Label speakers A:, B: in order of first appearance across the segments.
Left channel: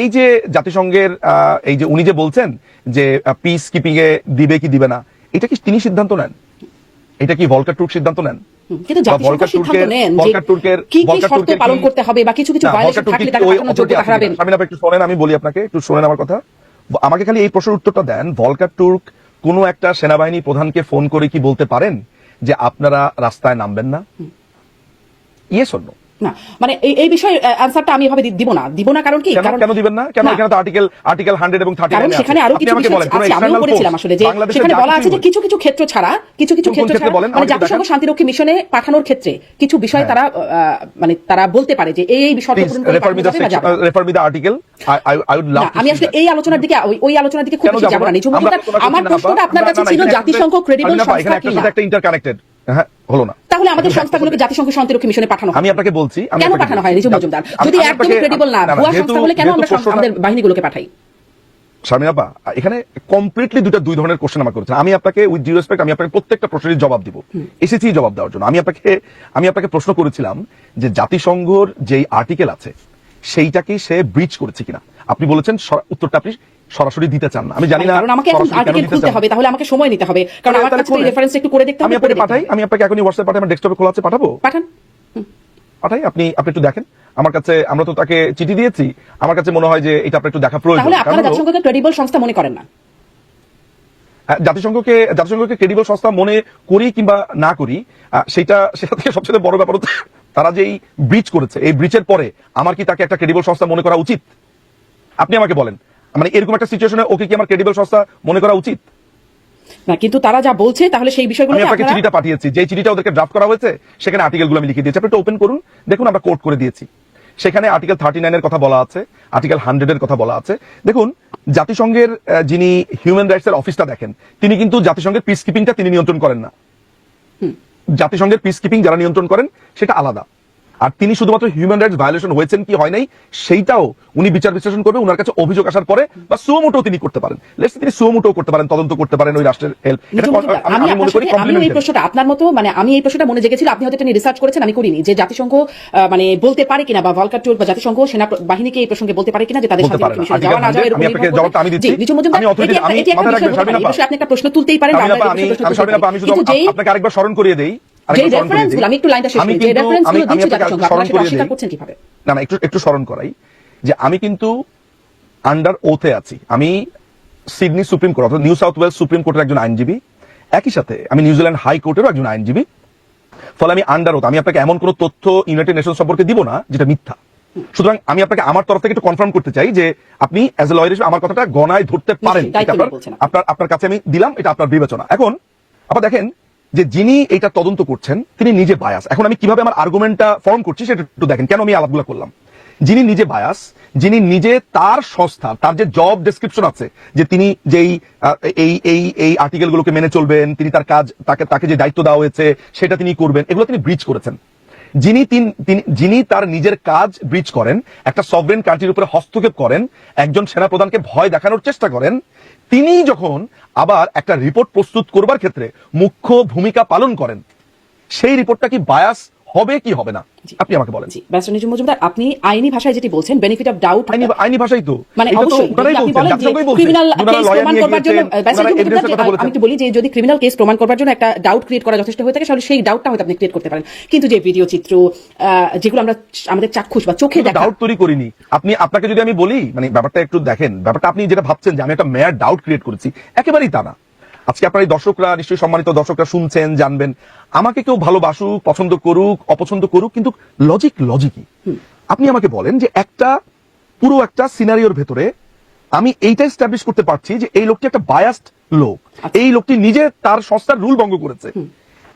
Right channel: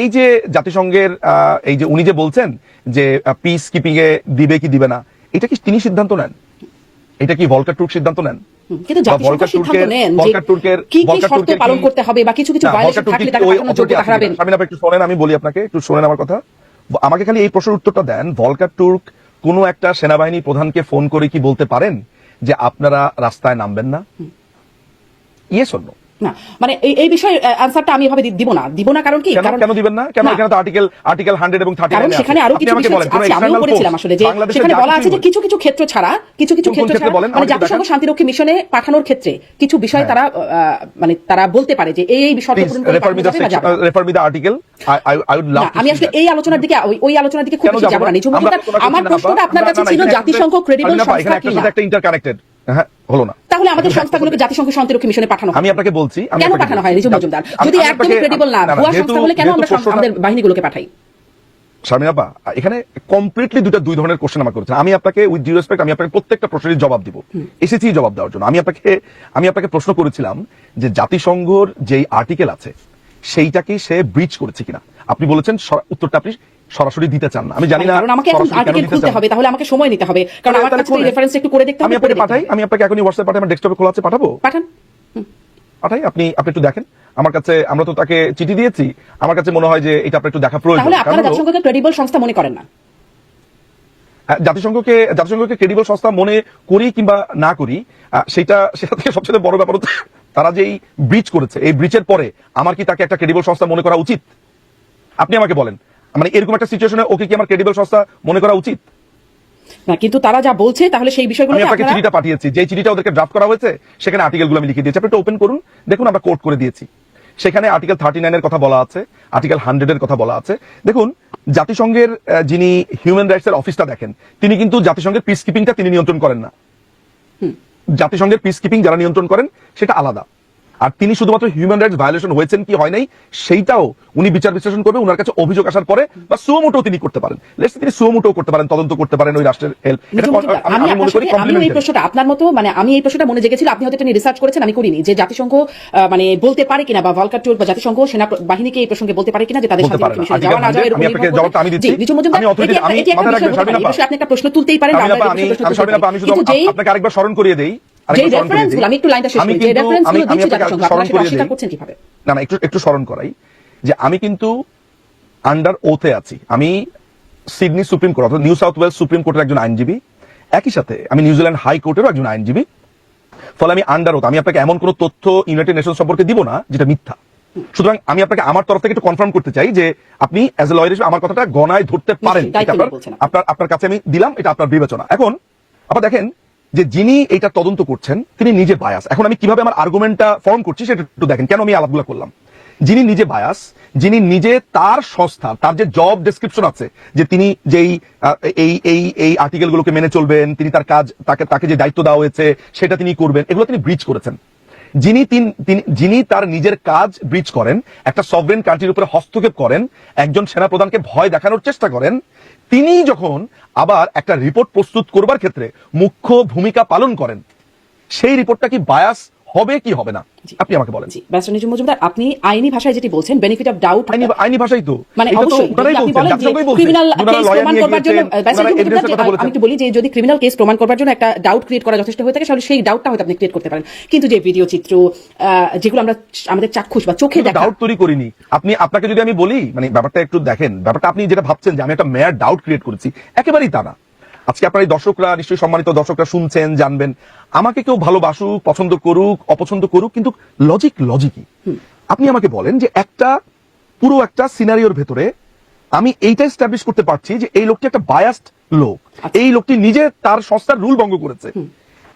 A: এই যে জাতিসংঘের এই যে উনি যে বলছেন যে পিস কিপিং এ দিবে কি দিবে না এটা কি তিনি সিদ্ধান্ত নেন? এটা কি ভলকার টুর্ক সিদ্ধান্ত নেন?
B: কিন্তু জাতিসংঘ সিদ্ধান্ত নেন যে
A: ভলকার তুর্কের
B: কি কি শর্ত পালন করতে হবে বা কিছু কিছু ভায়োলেশন থাকলে তাকে পাঠানোর যোগ্যতা হারাবেন
A: কিনা? একটু শোনেন আমি বলি আপনাকে একটু শোনেন আমার কথা। আমাকে খালি এই প্রশ্নের উত্তরটা দেন ভলকার তুর্ক কোন একটা সেনাবাহিনী প্রধানকে ফোন করে কি বলতে পারেন যে আপনারা রাস্তায় নামবেন না? ইয়ে শূন্য
B: না। মানে এই বিষয়ে আনসারটা আমি এভাবে দিব না। দিব না কারণ কি?
A: কেন দিবেন না? কেন এখানে তো আর্টিকেল আর্টিকেল হান্ড্রেড এবং থার্টি
B: কারণ সেখানে আরও কিছু কিছু আছে। আমিও পড়েছিলাম আসলে যে সেখানে বলা আছে যে কিছু কিছু ক্ষেত্র ছাড়া কিছু কিছু ক্ষেত্র ছাড়া? মানে জাতিসংঘ শান্তিরক্ষী মিশনে পাঠানোর ক্ষেত্রে কিছু বিষয়
A: হ্যাঁ।
B: তারা আহ, মানে তারা বলতে পারে যে এই এই বিষয়টা
A: রেফার মি
B: পাঠানো যাবে বা যাবে না।
A: Refer me the article I would love
B: আমি আসলে এই আলোচনার দিকে ওই- আলোচনার দিকে খুব
A: যাব না? আমরা
B: প্রশ্নটা আপনার কাছে ছিল জাতিসংঘ ক্রেডিবল
A: এখানে একটা সাথে একটা ইন্টারকানেক্টেড হ্যাঁ হলো না।
B: তাহলে আমাদের সংস্থাগুলোকে জাতিসংঘ শান্তিরক্ষী মিশনে পাঠানো
A: আমি আপনাকে বলছি
B: কেন পাঠানো হয়? রিজু মজুমদার যদি
A: আপনাকে-
B: ক্রেডিবল না ভুয়া সংস্থা কেন আমরা আমাদের বাহিনীগুলোকে পাঠাই?
A: স্বামী আপা এখানে কমপ্লিটলি দুটা দুই হয়েছে আমি আপনাকে রেসপেক্ট আমি আপনাকে প্রত্যেকটা প্রশ্নের জবাব দিব। এসেছি জবাব দেওয়ার জন্য। আমি আপনাকে আমি আপনাকে প্রশ্ন করেছিলাম যে জাতিসংঘর যেই আর্টিকেল আছে সেইটা কি সে ব্রিজ করেছে কিনা। আপনি বলেছেন উত্তরটা আপনি সরাসরি দিতে চান না। আমি জানি না
B: আমাকে এখন আর্টিকেল খুলতে হবে তাহলে আমাকে সময় নিতে হবে। কারণ আমার কাছে রেফারেন্স একটু করে দেখতে
A: আমি আপনাকে পাঠাই আমি আপনাকে এখনই হোয়াটসঅ্যাপ পাঠাই আমার ডেস্কটপে খোলা আছে পাঠাবো?
B: পাঠান।
A: পাঠাই আপনি আপনি একটু দেখেন। আমার কাছে আমরা তো তাকে চিঠি দিয়েছি। আমার কাছে মনে হয় যে এটা আপনার একটু দেখা প্রয়োজন।
B: তাহলে আপনারা জাতিসংঘকে ক্রেডিবল সংস্থা মনে করেন না।
A: হ্যাঁ, জাতিসংঘকে জাতিসংঘকে ক্রেডিবল সংস্থা মনে করি কিংবা না করি সেটা সেটা থেকে সবচেয়ে বড় ব্যাপার হচ্ছে তারা যেই ব্রিজ করেছে এই ব্রিজের পরে আমার কি তাকে একটা ক্রেডিবল সংস্থা মনে করা উচিত? আপনি আমাকে বলেন। মানে এরকম একটা সিচুয়েশনে ওকে কি আমার ক্রেডিবল সংস্থা মনে করা উচিত?
B: না কিন্তু তারা যা বলছে তাহলে সেই বিষয়গুলো
A: আমি আপনাকে চিঠিটা পাঠিয়েছি। যে চিঠিটা ওদেরকে ড্রাফট করা হয়েছে সেখানে আর্টিকেলগুলো আমি লিখে দিয়েছি। আপনি একটু ওপেন করুন দেখুন আমরা কোর্ট করে দিয়েছি। সেখানে আর্টিকেল থার্টি নাইনের কথা বলা আছে আর্টিকেল হান্ড্রেডের কথা বলা আছে। দেখুন জাতিসংঘের যিনি হিউম্যান রাইটস এর অফিসটা দেখেন তিনি কিন্তু জাতিসংঘের পিস কিপিংটা তিনি নিয়ন্ত্রণ করেন না। জাতিসংঘের পিস কিপিং যারা নিয়ন্ত্রণ করেন সেটা আলাদা। আর তিনি শুধুমাত্র হিউম্যান রাইটস ভায়োলেশন হয়েছেন কি হয় নাই সেইটাও উনি বিচার বিশ্লেষণ করবে ওনার কাছে অভিযোগ আসার পরে বা সুমোটো তিনি করতে পারেন তিনি সুমোটো করতে পারেন তদন্ত করতে পারেন ওই রাষ্ট্রের আমি মনে
B: আপনার
A: করি
B: সাথে- এই প্রশ্নটা আপনার মতো মানে আমি এই প্রশ্নটা মনে জেগেছিল আপনি হয়তো এটা রিসার্চ করেছেন আমি করিনি যে জাতিসংঘ মানে বলতে পারে কিনা বা ভলকার বা জাতিসংঘ সেনা বাহিনীকে এই প্রসঙ্গে বলতে পারে কিনা যে তাদের শান্তি
A: পারে না।
B: মিশনে
A: আর্টিকেল
B: যাওয়া না
A: 100 আমি। দিচ্ছি। রাখবেন,
B: আপনি একটা প্রশ্ন তুলতেই পারেন
A: আমি শুধু আপনাকে আরেকবার স্মরণ করিয়ে দেই
B: যে। আমি একটু লাইনটা শেষ করি। যে
A: কিন্তু-
B: রেফারেন্স
A: আমি-
B: গুলো
A: আমি
B: দিচ্ছে জাতিসংঘ
A: স্মরণ
B: আপনারা সেটা অস্বীকার করছেন কীভাবে?
A: না না একটু একটু স্মরণ করাই যে আমি কিন্তু আন্ডার ওথে আছি। আমি সিডনি সুপ্রিম কোর্ট অর্থাৎ নিউ সাউথ ওয়েলস সুপ্রিম কোর্টের একজন আইনজীবী। একই সাথে আমি নিউজিল্যান্ড হাই কোর্টেরও একজন আইনজীবী। ফলে আমি আন্ডার ওথ আমি আপনাকে এমন কোনো তথ্য ইউনাইটেড নেশন সম্পর্কে দিব না যেটা মিথ্যা। সুতরাং আমি আপনাকে আমার তরফ থেকে একটু কনফার্ম করতে চাই যে আপনি অ্যাজ এ লয়ার হিসেবে আমার কথাটা গণায় ধরতে পারেন। আপনার আপনার কাছে আমি দিলাম এটা আপনার বিবেচনা। এখন আবার দেখেন যে যিনি এটা তদন্ত করছেন, তিনি নিজে বায়াস এখন আমি কীভাবে আমার আর্গুমেন্টটা ফর্ম করছি সেটা একটু দেখেন, কেন আমি আলাপগুলো করলাম? যিনি নিজে বায়াস যিনি নিজে তার সংস্থা, তার যে জব ডেসক্রিপশন আছে, যে তিনি যেই এই এই এই আর্টিকেল গুলোকে মেনে চলবেন, তিনি তার কাজ, তাকে তাকে যে দায়িত্ব দেওয়া হয়েছে, সেটা তিনি করবেন, এগুলো তিনি ব্রিজ করেছেন। যিনি তিনি- যিনি তার নিজের কাজ ব্রিজ করেন, একটা সভরেন কান্ট্রির উপরে হস্তক্ষেপ করেন, একজন সেনাপ্রধানকে ভয় দেখানোর চেষ্টা করেন আবার একটা রিপোর্ট প্রস্তুত করবার ক্ষেত্রে মুখ্য ভূমিকা পালন করেন। সেই রিপোর্টটা কি বায়াস হবে কি হবে না? আপনি আমাকে বলেন।
B: ব্যারিস্টার জি মজুমদার আপনি আইনি ভাষায় যেটি বলছেন বেনিফিট অফ ডাউট
A: আইনি ভাষাই তো
B: কিন্তু যে ভিডিও চিত্র যেগুলো আমরা আমাদের চাক্ষুষ বা চোখে
A: ডাউট তৈরি করিনি। আপনি আপনাকে যদি আমি বলি মানে ব্যাপারটা একটু দেখেন ব্যাপারটা আপনি যেটা ভাবছেন যে আমি একটা মেয়ার ডাউট ক্রিয়েট করেছি একেবারেই তা না। আজকে আপনার এই দর্শকরা নিশ্চয়ই সম্মানিত দর্শকরা শুনছেন জানবেন। আমাকে কেউ ভালোবাসুক পছন্দ করুক অপছন্দ করুক কিন্তু লজিক লজিকই আপনি আমাকে বলেন যে একটা পুরো একটা সিনারিওর ভেতরে আমি এইটা এস্টাবলিশ করতে পারছি যে এই লোকটি একটা বায়াস্ট লোক। এই লোকটি নিজে তার সংস্থার রুল ভঙ্গ করেছে।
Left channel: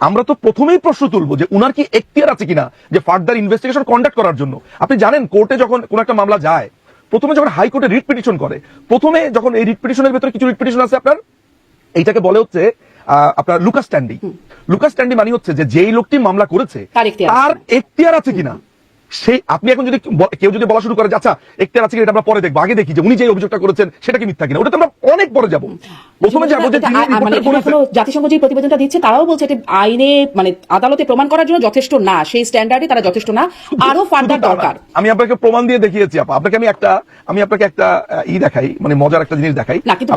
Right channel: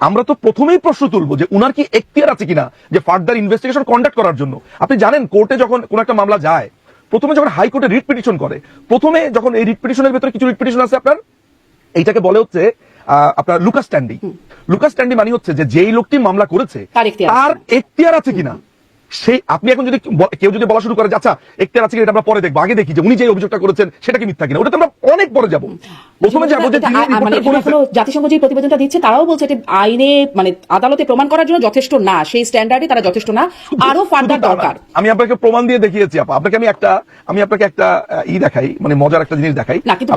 A: আমরা তো প্রথমেই প্রশ্ন তুলবো যে ওনার কি এখতিয়ার আছে কিনা যে ফার্দার ইনভেস্টিগেশন কন্ডাক্ট করার জন্য? আপনি জানেন কোর্টে যখন কোন একটা মামলা যায় প্রথমে যখন হাইকোর্টে রিট পিটিশন করে প্রথমে যখন এই রিট পিটিশনের ভেতরে কিছু রিট পিটিশন আছে আপনার? এইটাকে বলে হচ্ছে আপনার লুকাস স্ট্যান্ডি লুকাস স্ট্যান্ডি মানে হচ্ছে যে যেই লোকটি মামলা করেছে
B: তার এখতিয়ার আছে
A: কিনা? সেই আপনি এখন যদি কেউ যদি বলা শুরু করে যে আচ্ছা একটা আছে এটা আমরা পরে দেখব। আগে দেখি যে উনি যে অভিযোগটা করেছেন সেটা কি মিথ্যা কিনা? ওটা তো আমরা অনেক পরে যাব। প্রথমে যাব যে
B: মানে এখনও জাতিসংঘ যে প্রতিবেদনটা দিচ্ছে তারাও বলছে যে আইনে মানে আদালতে প্রমাণ করার জন্য যথেষ্ট না। সেই স্ট্যান্ডার্ডে তারা যথেষ্ট না। আরও ফার্দার দরকার।
A: আমি আপনাকে প্রমাণ দিয়ে দেখিয়েছি আপা। আপনাকে আমি একটা আমি আপনাকে একটা ই দেখাই মানে মজার একটা জিনিস দেখাই।
B: না কিন্তু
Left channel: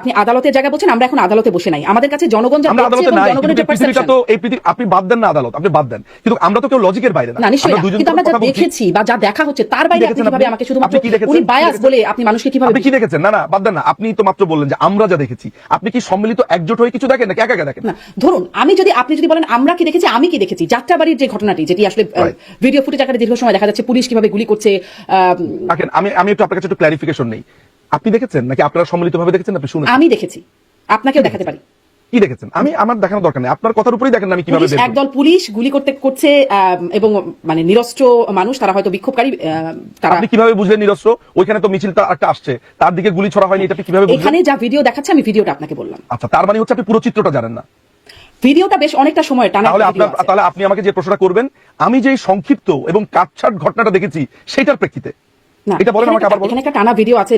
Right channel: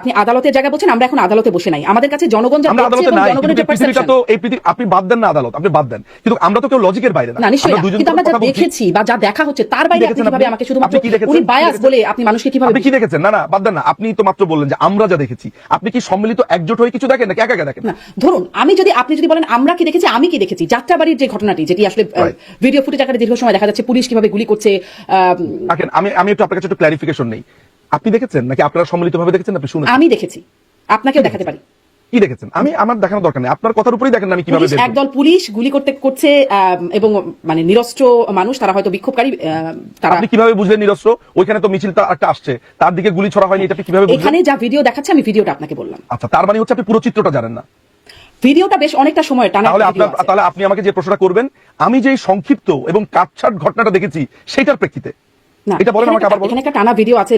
A: আপনি
B: আদালতের জায়গায় বলছেন আমরা এখন আদালতে বসে নাই। আমাদের কাছে জনগণ যা
A: আদালতে নাই আপনি বাদ দেন না আদালত আপনি বাদ দেন। কিন্তু আমরা তো কেউ লজিকের বাইরে না। আমরা
B: যা দেখেছি বা যা দেখা হচ্ছে তার বাইরে আপনি? আমাকে শুধুমাত্র
A: কি দেখেছেন?
B: উনি বায়াস বলে আপনি মানুষকে কীভাবে
A: আপনি কি দেখেছেন? না না বাদ দেন না। আপনি তো মাত্র বললেন যে আমরা যা দেখেছি। আপনি কি সম্মিলিত একজোট হয়ে কিছু দেখেন নাকি? একা একা দেখেন?
B: না ধরুন আমি যদি আপনি যদি বলেন আমরা কি দেখেছি আমি কি দেখেছি যাত্রাবাড়ির যে ঘটনাটি যেটি আসলে ভিডিও ফুটেজ আকারে দীর্ঘ সময় দেখা যাচ্ছে পুলিশ কীভাবে গুলি করছে
A: আমি আমি একটু আপনার কাছে একটু ক্লারিফিকেশন নেই। আপনি দেখেছেন নাকি আপনারা সম্মিলিত ভাবে দেখেছেন? আপনি শুনেছেন?
B: আমি দেখেছি। আপনাকেও দেখাতে পারি।
A: কি দেখেছেন? আমি আমার দেখানোর দরকার নেই। আপনার কথার উপরেই দেখেন আমি কীভাবে
B: একদল পুলিশ গুলি করতে করছে এবং মানে নিরস্ত্র মানুষ তারা হয়তো বিক্ষোভকারী তারা
A: আপনি কীভাবে বুঝলেন নিরস্ত্র? ওইখানে তো মিছিলটা একটা আসছে। তার দিকে গুলি ছড়া হয়নি এটা কীভাবে
B: এখানে যা ভিডিও দেখাচ্ছে আমি ভিডিওটা আপনাকে বললাম।
A: আচ্ছা তার মানে হচ্ছে আপনি পুরো চিত্রটা জানেন না।
B: ভিডিওটা বেশ অনেকটা সময় টানা
A: তাহলে আপনি আমাকে যে প্রশ্নটা করবেন আমি যে সংক্ষিপ্ত এবং কাটছাট ঘটনাটা দেখেছি সেটার প্রেক্ষিতে।
B: টানা ভিডিও আছে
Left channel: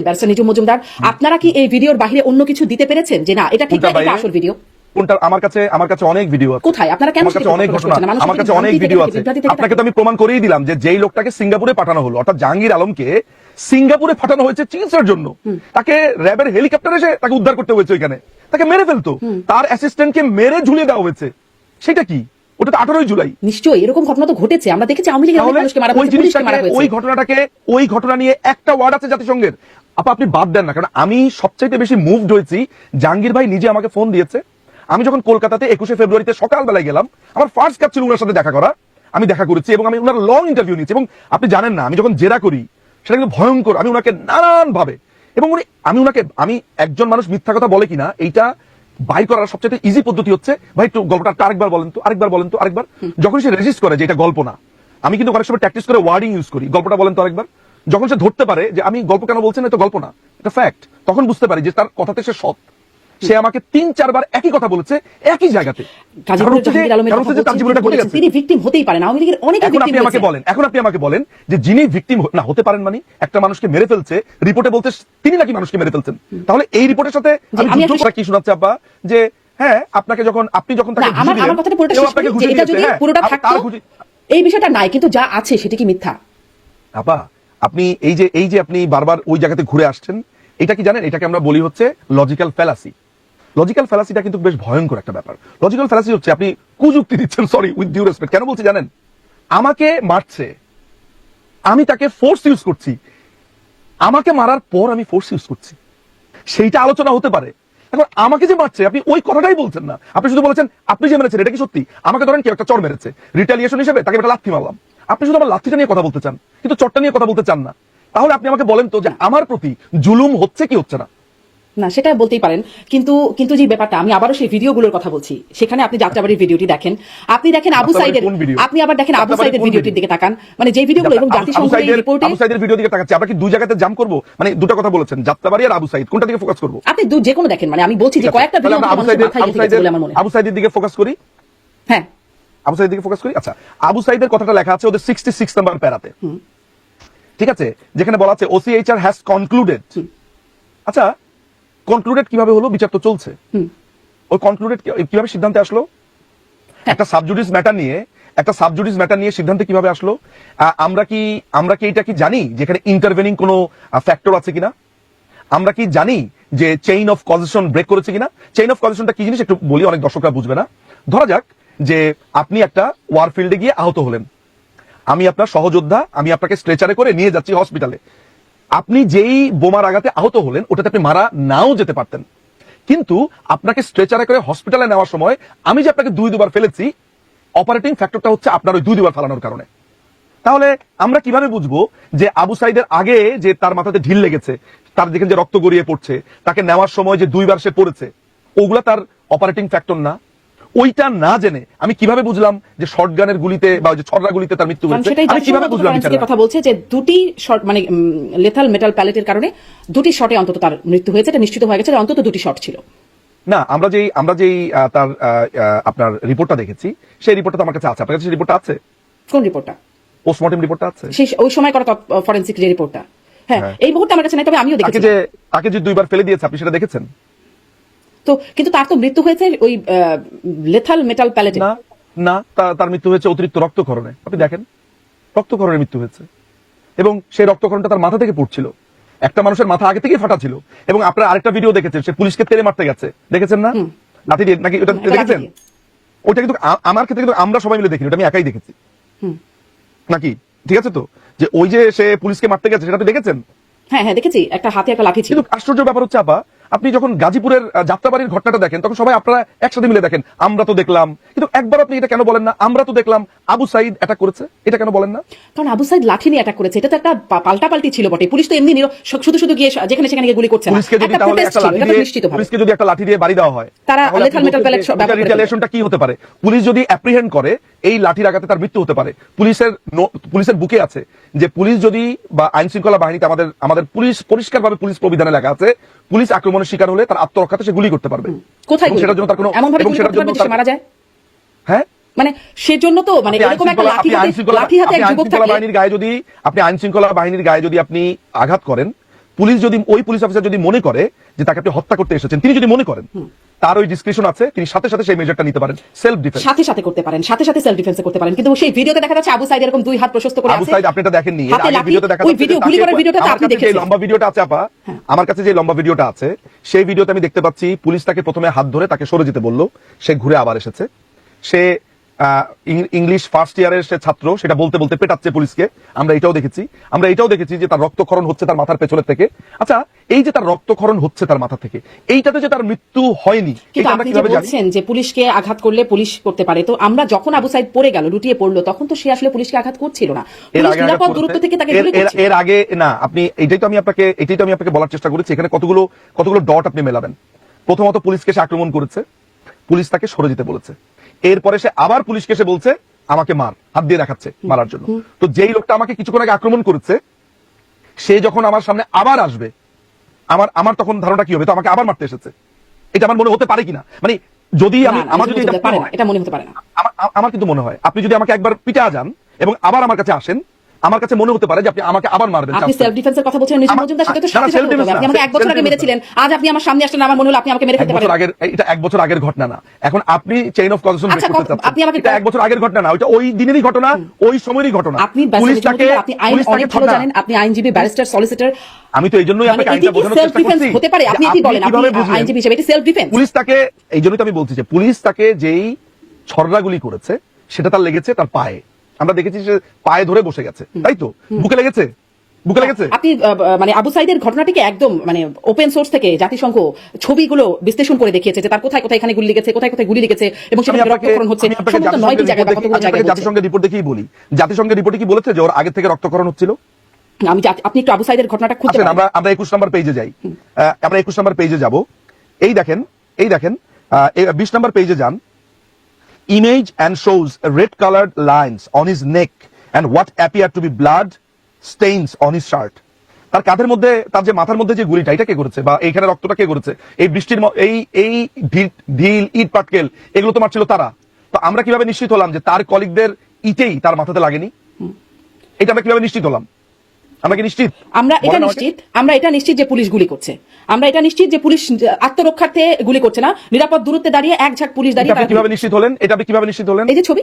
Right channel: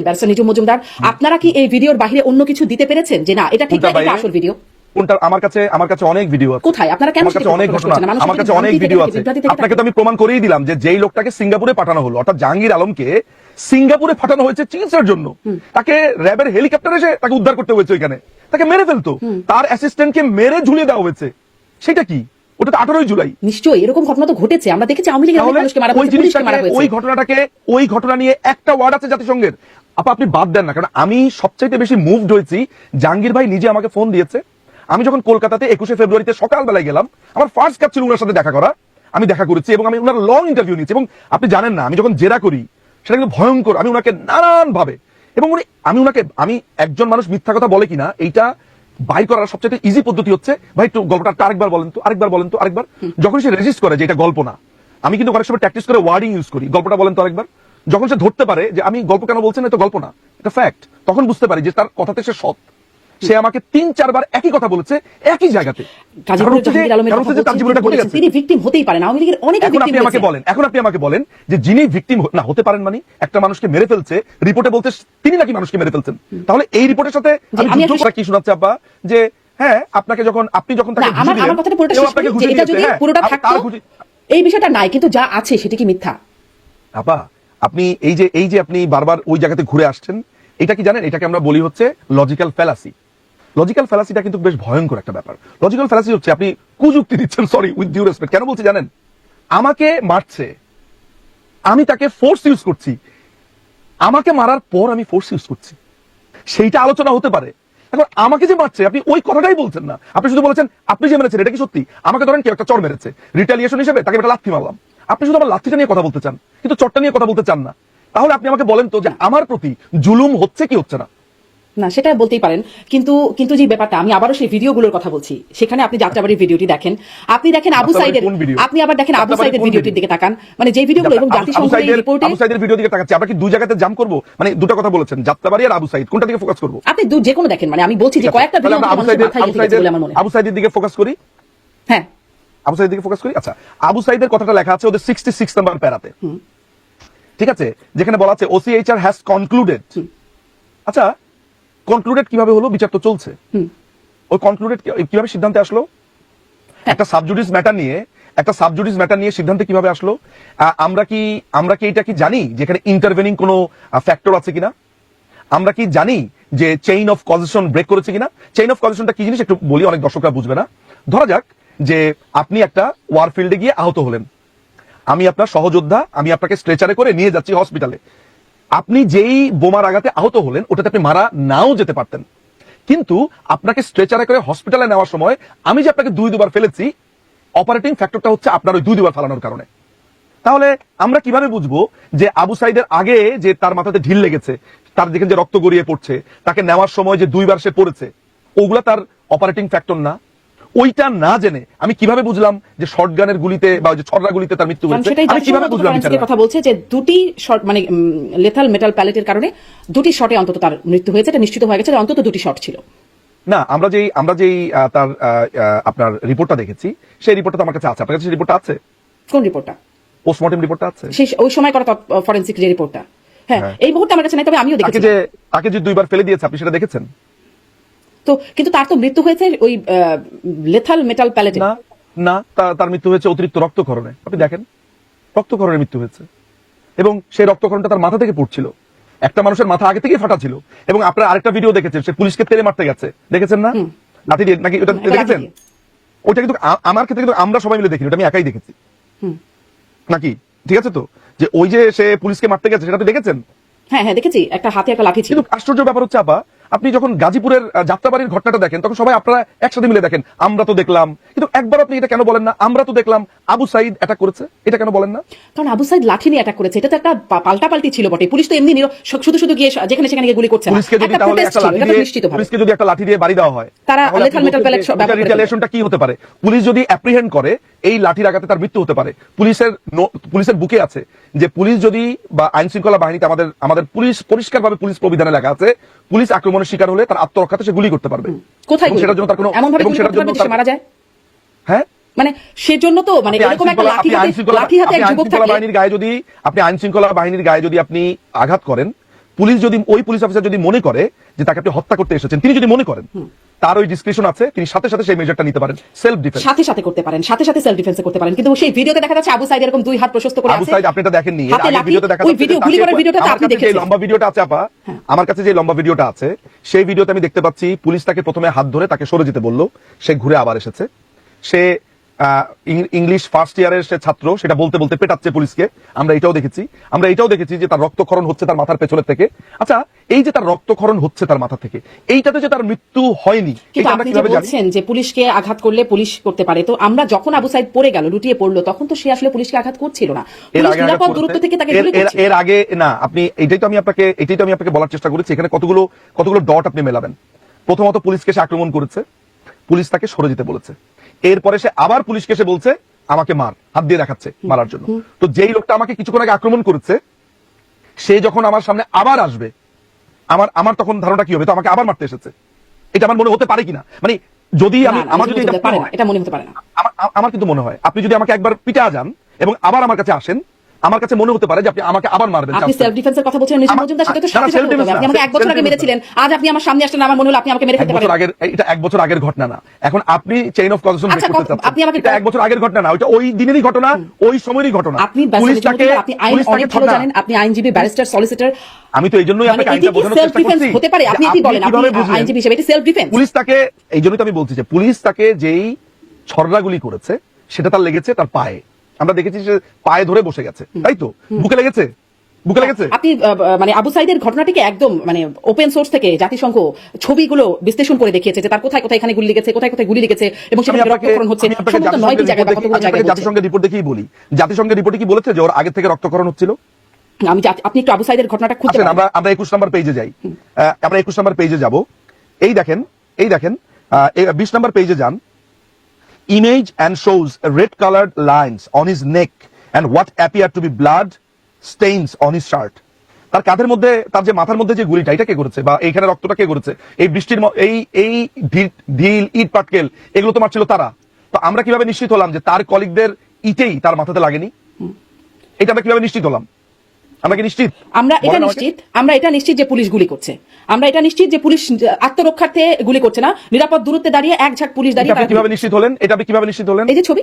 B: মজুমদার। আপনারা কি এই ভিডিওর বাইরে অন্য কিছু দিতে পেরেছেন? যে না এটা ঠিক? আসল ভিডিও
A: কোনটা আমার কাছে আমার কাছে অনেক ভিডিও আছে।
B: কোথায়? আপনারা কেন
A: কাছে অনেক ঘটনা
B: করছেন না? মানুষ
A: আমার কাছে অনেক ভিডিও আছে আপনাকে তো আমি প্রমাণ করেই দিলাম যে যেই লোকটাকে সিঙ্গাপুরে পাঠানো হলো অর্থাৎ জাহাঙ্গীর আলমকে সিঙ্গাপুরে পাঠানো হয়েছে চিকিৎসার জন্য। তাকে র্যাবের হেলিকপ্টার এসে তাকে উদ্ধার করতে হয়েছে ওইখানে। তাকে মেরে ফেলতো। তার অ্যাসিস্ট্যান্টকে মেরে ঝুলিয়ে দেওয়া হয়েছে। সেটা কি? ওটা তো আঠারোই জুলাই।
B: নিশ্চয়ই এরকম ঘটনা তো ঘটেছে। আমরা দেখেছি আওয়ামী লীগের মানুষকে মারা
A: ওই জিনিসটাকে ওই ঘটনাটাকে ওই ঘটনা নিয়ে একটা ওয়ার্ড আছে জাতিসংঘের। আপা আপনি বাদ দেন না কারণ আমি সবচাইতে বেশি মুভড হয়েছি। জাহাঙ্গীর ভাই নিজে আমাকে ফোন দিয়েছে। আমি যখন কলকাতাতে একুশে ফেব্রুয়ারিতে সকালবেলায় গেলাম আমার ফার্স্ট কাপ ছিল ওনার সাথে দেখা করা। আমি দেখা করেছি এবং আমি ওনার লং ইন্টারভিউ নিয়েছি। এবং আপনি জানেন না আমি যখন জেরা করি সেটা কিন্তু ভয়ঙ্কর। আমি ওনাকে নানান ভাবে এবং উনি আমি ওনাকে আমি একজন মানুষ মিথ্যা কথা বলে কিনা এইটা বাই করার সবচেয়ে ইজি পদ্ধতি হচ্ছে, ভাই একটু গল্পটা আরেকবার বলেন তো, আরেকবার বলেন তো, আরেকবার। যখন সে রেজিস্ট করে যে এটা গল্প না, আমি কিন্তু অনেক সময় প্র্যাকটিস করে ওয়ার্ডিং ইউজ করি, গল্পটা বলেন তো আরেকবার। যখন সে ধরতে পারে যে আমি গল্প কেন বলছেন এটা গল্প না, এটা ফ্যাক্ট তখন বুঝতে পারি যে তার কথাতে সে সৎ। সে আমাকে তিন চারবার একই কথা বলেছে একই জায়গাতে।
B: তিনি ভিকটিম হতেই পারেন আওয়ামী লীগের অনেক
A: এখন আপনি আমাকে বলেন এখন আপনি আমাকে বলেন যে যিনি ভিকটিম না হতে পারেন মানে একটা মানুষকে মেরে ফেলছে রিপোর্টে বলতে তিনি নাকি মানুষকে মেরে ফেলছেন। তাহলে এই রিপোর্টের সাথে কি শোনাচ্ছে আব্বা? যে হ্যাঁ আপনাকে যখন আপনি যখন তাকে
B: আমার আমার কথাটা পুরোটা শেষ করি এটা যদি
A: হ্যাঁ,
B: পুরোটা থাকতো এই বিষয়টা নাই কিন্তু যা আছে সেটা কি মিথ্যা?
A: আপা আপনি এই যে এই যে আপনি বারবার ওই জায়গাতে ঘুরে আসছেন এটা কি জানেন? এটাকে আমরা বলি হচ্ছে লজিক্যাল ফ্যালাসি লজিক্যাল ফ্যালাসিটা কিন্তু বেশ ভয়ঙ্কর একটা ব্যাপার। লজিক্যাল ফ্যালাসি হচ্ছে আপনি কুযুক্তি দিচ্ছেন সরি উইথ ডিউ রেসপেক্ট কেন বলছি জানেন? আমাকে মারছে। আমি তাকে ফোর্স ইউজ করছি। আমাকে মারার পর আমি ফোর্স ইউজ করছি। সেইটা আলোচনা হতে পারে। এখন আমাকে যে মারছে, আপনি ওই কথাটাই বলছেন না। আপনি শুধু বলেছেন, আপনি যে মেরেছেন, এটা কি সত্যি? আমাকে ধরেন কেউ একটা চর মেরেছে। রিটালিয়েশন হিসেবে তাকে একটা লাথি মারলাম। আপনি শুধু আমার লাথিটা নিয়ে কথা বলতে চান, কিন্তু চরটা নিয়ে কথা বলতে চান না। তাহলে আপনি আমাকে বলেন তো যে আমার প্রতি জুলুম হচ্ছে কি হচ্ছে না?
B: না সেটা বলতেই পারেন। কিন্তু কিন্তু যে ব্যাপারটা আমি আবারও সেই ভিডিওগুলোর কথা বলছি। সেখানে আপনি যাত্রাবাড়ির ভিডিওটি দেখেন। আপনি দেখেন আবু সাইদের আপনি আবার দেখেন আবু সাইদের
A: কোন
B: ভিডিওটির দিকে তাকান। মানে যে ভিডিওগুলো এবং জাতিসংঘের রিপোর্টে
A: আবু সাইদের ভিডিও দিকে তাকাচ্ছি। আমরা কি দুই জায়গাতে জাম করব? মানে দুটো কথা বলেছেন। যাত্রাবাড়ি আর আবু সাইদ। কোনটা দিকে ফোকাস করব?
B: আপনি দু- যে কোনো দেখেন। মানে আমি বলছি যে কয়েকটা ভিডিও
A: আবু সাইদের আবু সাইদের দিকে ফোকাস করি?
B: হ্যাঁ।
A: আবু সাইদের দিকে ফোকাস করি? আচ্ছা। আবু সাইদের কথাটা লেখা আছে ওদের সিক্সটি সিক্স নাম্বার প্যারাতে ঠিক আছে? যেখানে বলা আছে ওসিএইচআর হ্যাজ কনক্লুডেড আচ্ছা কনক্লুডেড কীভাবে হলো? বিচার তো চলছে। ওই কনক্লুডেড কীভাবে সিদ্ধান্তে আসলো? একটা সাবজুডিস ম্যাটার নিয়ে একটা সাবজুডিস ম্যাটার নিয়ে সিদ্ধান্তে কীভাবে আসলো? আমরা কি আমরা কি এটা কি জানি যেখানে ইন্টারভেনিং কোনো ফ্যাক্টর আছে কিনা? আমরা কি জানি যে চেইন অফ কজেশন ব্রেক করেছে কিনা? চেইন অফ কজেশনটা কি জিনিস? একটু বলি অনেক দর্শকরা বুঝবে না। ধরা যাক যে আপনি একটা ওয়ার ফিল্ডে গিয়ে আহত হলেন। আমি আপনার সহযোদ্ধা আমি আপনাকে স্ট্রেচারে করে নিয়ে যাচ্ছি হসপিটালে আপনি যেই বোমার আঘাতে আহত হলেন ওটা তাকে মারা নাও যেতে পারতেন। কিন্তু আপনাকে স্ট্রেচারে করে হসপিটালে নেওয়ার সময় আমি যে আপনাকে দুই দুবার ফেলেছি অপারেটিং ফ্যাক্টরটা হচ্ছে আপনার ওই দুই দুবার ফেলানোর কারণে। তাহলে আমরা কীভাবে বুঝব যে আবু সাইদের আগে যে তার মাথাতে ঢিল লেগেছে, তার যেখানে যে রক্ত গড়িয়ে পড়ছে, তাকে নেওয়ার সময় যে দুইবার সে পড়েছে, ওগুলা তার অপারেটিং ফ্যাক্টর না ওইটা না জেনে আমি কীভাবে বুঝলাম যে শটগানের গুলিতে বা যে ছড়া গুলিতে তার মৃত্যু হয়েছে? আমি কীভাবে বুঝলাম?
B: থেকে কথা বলছে যে দুটি শট মানে লেথাল মেটাল প্যালেটের কারণে দুটি শটে অন্তত তার মৃত্যু হয়েছে এটা নিশ্চিত হয়ে গেছে যে অন্তত দুটি শট ছিল।
A: না আমরা যেই আমরা যেই তার আপনার রিপোর্টটা দেখেছি সেই রিপোর্টটা তো আমার কাছে আছে। আপনার কাছে রিপোর্টটা আছে?
B: কোন রিপোর্টটা
A: পোস্টমর্টম রিপোর্টটা আছে।
B: সেই ওই সময় করা ফরেন্সিক যে রিপোর্টটা হ্যাঁ
A: হ্যাঁ।
B: এই মুহূর্তে আমার কাছে নাই তবে আমিও
A: তাকে
B: দেখেছি।
A: যে তাকে যে দুইবার ফেলে দিয়েছে আপনি সেটা দেখেছেন?
B: তো কিন্তু তার তো মৃত্যু হয়েছে ওই লেথাল মেটাল প্যালেটে
A: না না তার মৃত্যু হয়েছে অতিরিক্ত রক্তক্ষরণে। আপনি দেখেন রক্তক্ষরণে মৃত্যু হয়েছে। এবং সেই রক্তক্ষরণটা তার মাথা থেকে পড়ছিল। একটা মানুষের মাথা আগে থেকেই ফাটা ছিল। এবং আপনারা আরেকটা ভিডিও দেখেছেন সে পুলিশকে তেলে মারতে গেছে। দেখেছেন না? লাঠি দিয়ে নাকি ওটা দেখেছেন? ওটা কিন্তু আমার ক্ষেত্রে কিন্তু আমরা সবাই মিলে দেখি ওটা আমি একাই দেখেছি। নাকি? ঠিক আছে তো? যে ওই যে সে পুলিশকে মারতে গেছে সেটা আপনি দেখেছেন?
B: হ্যাঁ হ্যাঁ দেখেছি। একটা হাতে একটা লাঠি ছিল।
A: আশ্চর্য ব্যাপার হচ্ছে আপা আপনি যখন গাজীপুরের যাত্রাবাড়ির ঘটনাটা দেখেন তখন সবাই আপনারা একসাথে মিলে দেখেন আমরা তো দেখলাম। কিন্তু একবার আপনি এটা কেন বলেন না? আমরা তো দেখলাম আবু সাইদ অ্যাটাক করেছে। এটা কেন বলেন না?
B: আবু সাইদ লাঠি নিয়ে অ্যাটাক করেছে। এটা তো একটা পাল্টা পাল্টি ছিল বটে। পুলিশ তো এমনি শুধু শুধু গিয়ে যেখানে সেখানে গুলি করছে।
A: পুলিশকে যদি
B: একটা
A: লাঠি দিয়ে- পুলিশকে যদি একটা লাঠি দিয়ে বাড়ি দেওয়া হয়
B: তারা pellet সব-
A: কি হতে পারে? পুলিশ যদি অ্যাপ্রিহেন্ড করে এই লাঠির আঘাতে তার মৃত্যু হতে পারে। পুলিশের পুলিশের বুকে আছে যে পুলিশ যদি বা আইন শৃঙ্খলা বাহিনীতে আমাদের আমাদের পুলিশ পরিষ্কারভাবে পুলিশ প্রবিধানে লেখা আছে পুলিশ আক্রমণের শিকার হলে তার আত্মরক্ষাতে সে গুলি করতে পারবে।
B: কোথায়
A: সেটার জন্য তার কোনো এবং সেটার জন্য
B: মারা যায়?
A: হ্যাঁ?
B: মানে সেজন্য তো মানে লাঠি হাতে যুবক থাকে।
A: বাহিনীর গায়ে যদি আপনি আইন শৃঙ্খলা বাহিনীর গায়ে যদি আপনি আঘাত করেন পুলিশ যদি ওই পুলিশ অফিসার যদি মনে করে যে তাকে আপনি হত্যা করতে এসেছেন তিনি যদি মনে করেন তার ওই ডিসক্রিপশন আছে তিনি সাথে সাথে সেই মেজারটা নিতে পারেন। সেলফ ডিফেন্স
B: সাথে সাথে করতে পারেন সাথে সাথে সেলফ ডিফেন্স করতে পারেন। কিন্তু সেই ভিডিওতে দেখা যাচ্ছে আবু সাইদ এরকম দুই হাত প্রশস্ত করে
A: আবু সাইদ আপনি এটা দেখেননি। ভিডিওতে দেখা
B: ওই ভিডিও ভিডিওটা কি আপনি দেখেছেন
A: এবার। আমার কাছে যে লম্বা ভিডিওটা আছে সেই ভিডিওতে আমি দেখতে পাচ্ছি পুলিশ তাকে প্রথমে হাত ধরে তাকে সরে যেতে বলল সে ঘুরে আবার এসেছে। সে ইংলিশ ফার্স্ট ইয়ারের সে ছাত্র সেটা বলতে বলতে পেটাচ্ছে পুলিশকে। আমরা এটাও দেখেছি। আমরা এটাও দেখেছি যে তার রক্তক্ষরণ হচ্ছে তার মাথার পেছনের থেকে। আচ্ছা এই যে তার রক্তক্ষরণ হচ্ছে তার মাথা থেকে এইটাতে যে তার মৃত্যু হয়নি
B: কিন্তু আপনি যে বলছেন যে পুলিশকে আঘাত করলে পুলিশ করতে পারে তো আমরা যখন আবু সাইদ পড়ে গেল লুটিয়ে পড়ল তখন তো সে আসলে পুলিশকে আঘাত করছিল না। নিরাপদ দূরত্ব থেকে তাকে
A: এর আগে না আপনি এটাই তো আমি আপনাকে এটাই তো আমি আপনাকে বলার চেষ্টা করেছি। এখানে কতগুলো কতগুলো ডট আপনি মেলাবেন। প্রথমত পুলিশকে সে আক্রমণ করেছে। পুলিশ তাকে সরে যেতে বলেছে। এরপরে সে আবার পুলিশকে সে বলছে আমাকে মার হাত দিয়ে দেখাচ্ছে মারার জন্য। তো যেই লোকটা আমাকে কিছুক্ষণ আগে আক্রমণ করেছে সে যখন আমার সামনে আবার আসবে আমার আমার তখন ধারণা কি হবে? তো আমাকে আবার মারতে এসেছে। এটা আমার মনে হতে পারে কিনা? মানে যদি আমার যদি এটা
B: মনে হতে পারে না।
A: আমার আমার কিন্তু মনে হয় আপনি যদি আমাকে একবার পিঠে আসান এবং আবার আমার কাছে আসেন আমার কাছে মনে হতে পারে যে আপনি আমাকে আবার মারবেন
B: আপনি সেলফ ডিফেন্সের কথা বলছেন নিশি মজুমদার সাথে তো হবে।
A: defense
B: আপনি আমাকে এক বছর আগে মেরেছিলেন। আজ আপনি আমার সামনে আসলেন আমার মনে হলো আপনি আমাকে মেরে
A: এক
B: ফেলতে
A: বছর
B: পারেন।
A: আগের এটা এক বছর আগের ঘটনা না। এখন আপনি চেইন অফ কজেশন
B: আচ্ছা, কত- আপনি আমাকে
A: এটা এক বছর আগের ঘটনা না ওইটা ওই দিনেরই ঘটনা ওই সময়েরই ঘটনা।
B: আপনি
A: পুলিশ তাকে
B: আপনি আইন অনেক ভালো জানেন আপনি আইনজীবী ব্যারিস্টার সলিসিটর
A: আমি তো এই জন্যই
B: মানে
A: আপনাকে আইনটা বোঝানোর চেষ্টা
B: ডিফেন্স
A: করছি।
B: হতে পারে? আপনি কি বলেন আপনি আইনজীবী হিসেবে এটি সেলফ ডিফেন্স
A: পুলিশ তাকে এই জন্যই তো আমি বলছি যে পুলিশ তাকে যেই ছড়রাগুলি করেছে সেটা তার লেগেছে তার পায়ে। আমরা দেখেছি যে পায়ে ধরে বসে গেছে। তাই তো? বুকে লেগেছে? বুকে লেগেছে?
B: আপনি মানে আবু সাইদের ঘটনাটিকে একদম মানে ওপেন সোর্স থেকে জাতিসংঘ ছবিগুলো বিশ্লেষণ করে দেখিয়েছে যে তার কোথায় কোথায় এখানে গুলি লেগেছে কোথায় কোথায় গুলি লেগেছে এবং সেটা হচ্ছে।
A: জাতিসংঘের রিপোর্ট দেখেই বলি। জাতিসংঘের রিপোর্টে কি বলেছে যে ওর আগে থেকে রক্তক্ষরণ হচ্ছিল?
B: আমি আপনি একটু আবু সাইদের ঘটনাটা খুঁজতে
A: আসেন, আমরা আমরা একুশ নম্বর পেজে যাই। আমরা একুশ নম্বর পেজে যাব। এই দেখেন এই দেখেন বিশ নম্বর পেজে যান। Image and shows red coloured lines on his neck and what appear to be blood stains on his shirt তার কাঁধের মধ্যে, তার যে মাথার মধ্যে যে গুলিটা, এটা কে করেছে? বা এইখানে রক্তটা কে করেছে? এই বৃষ্টির এই এই ঢিল, ইট, পাটকেল, এগুলো তো মারছিল তারা। তো আমরা কীভাবে নিশ্চিত হলাম যে তার কলিগদের ইটেই তার মাথাতে লাগেনি? এটা আমরা কীভাবে নিশ্চিত হলাম? আমরা কি নিশ্চিত?
B: আমরা এটা নিশ্চিত আমরা এটা নিশ্চিত যে পুলিশ গুলি করছে। আমরা এটা নিশ্চিত যে পুলিশ আত্মরক্ষার্থে গুলি করছে না নিরাপদ দূরত্বে দাঁড়িয়ে এক ঝাঁক পুলিশ দাঁড়িয়ে
A: কীভাবে নিশ্চিত হলেন? এটা আপনি কীভাবে নিশ্চিত হলেন?
B: এই যে ছবি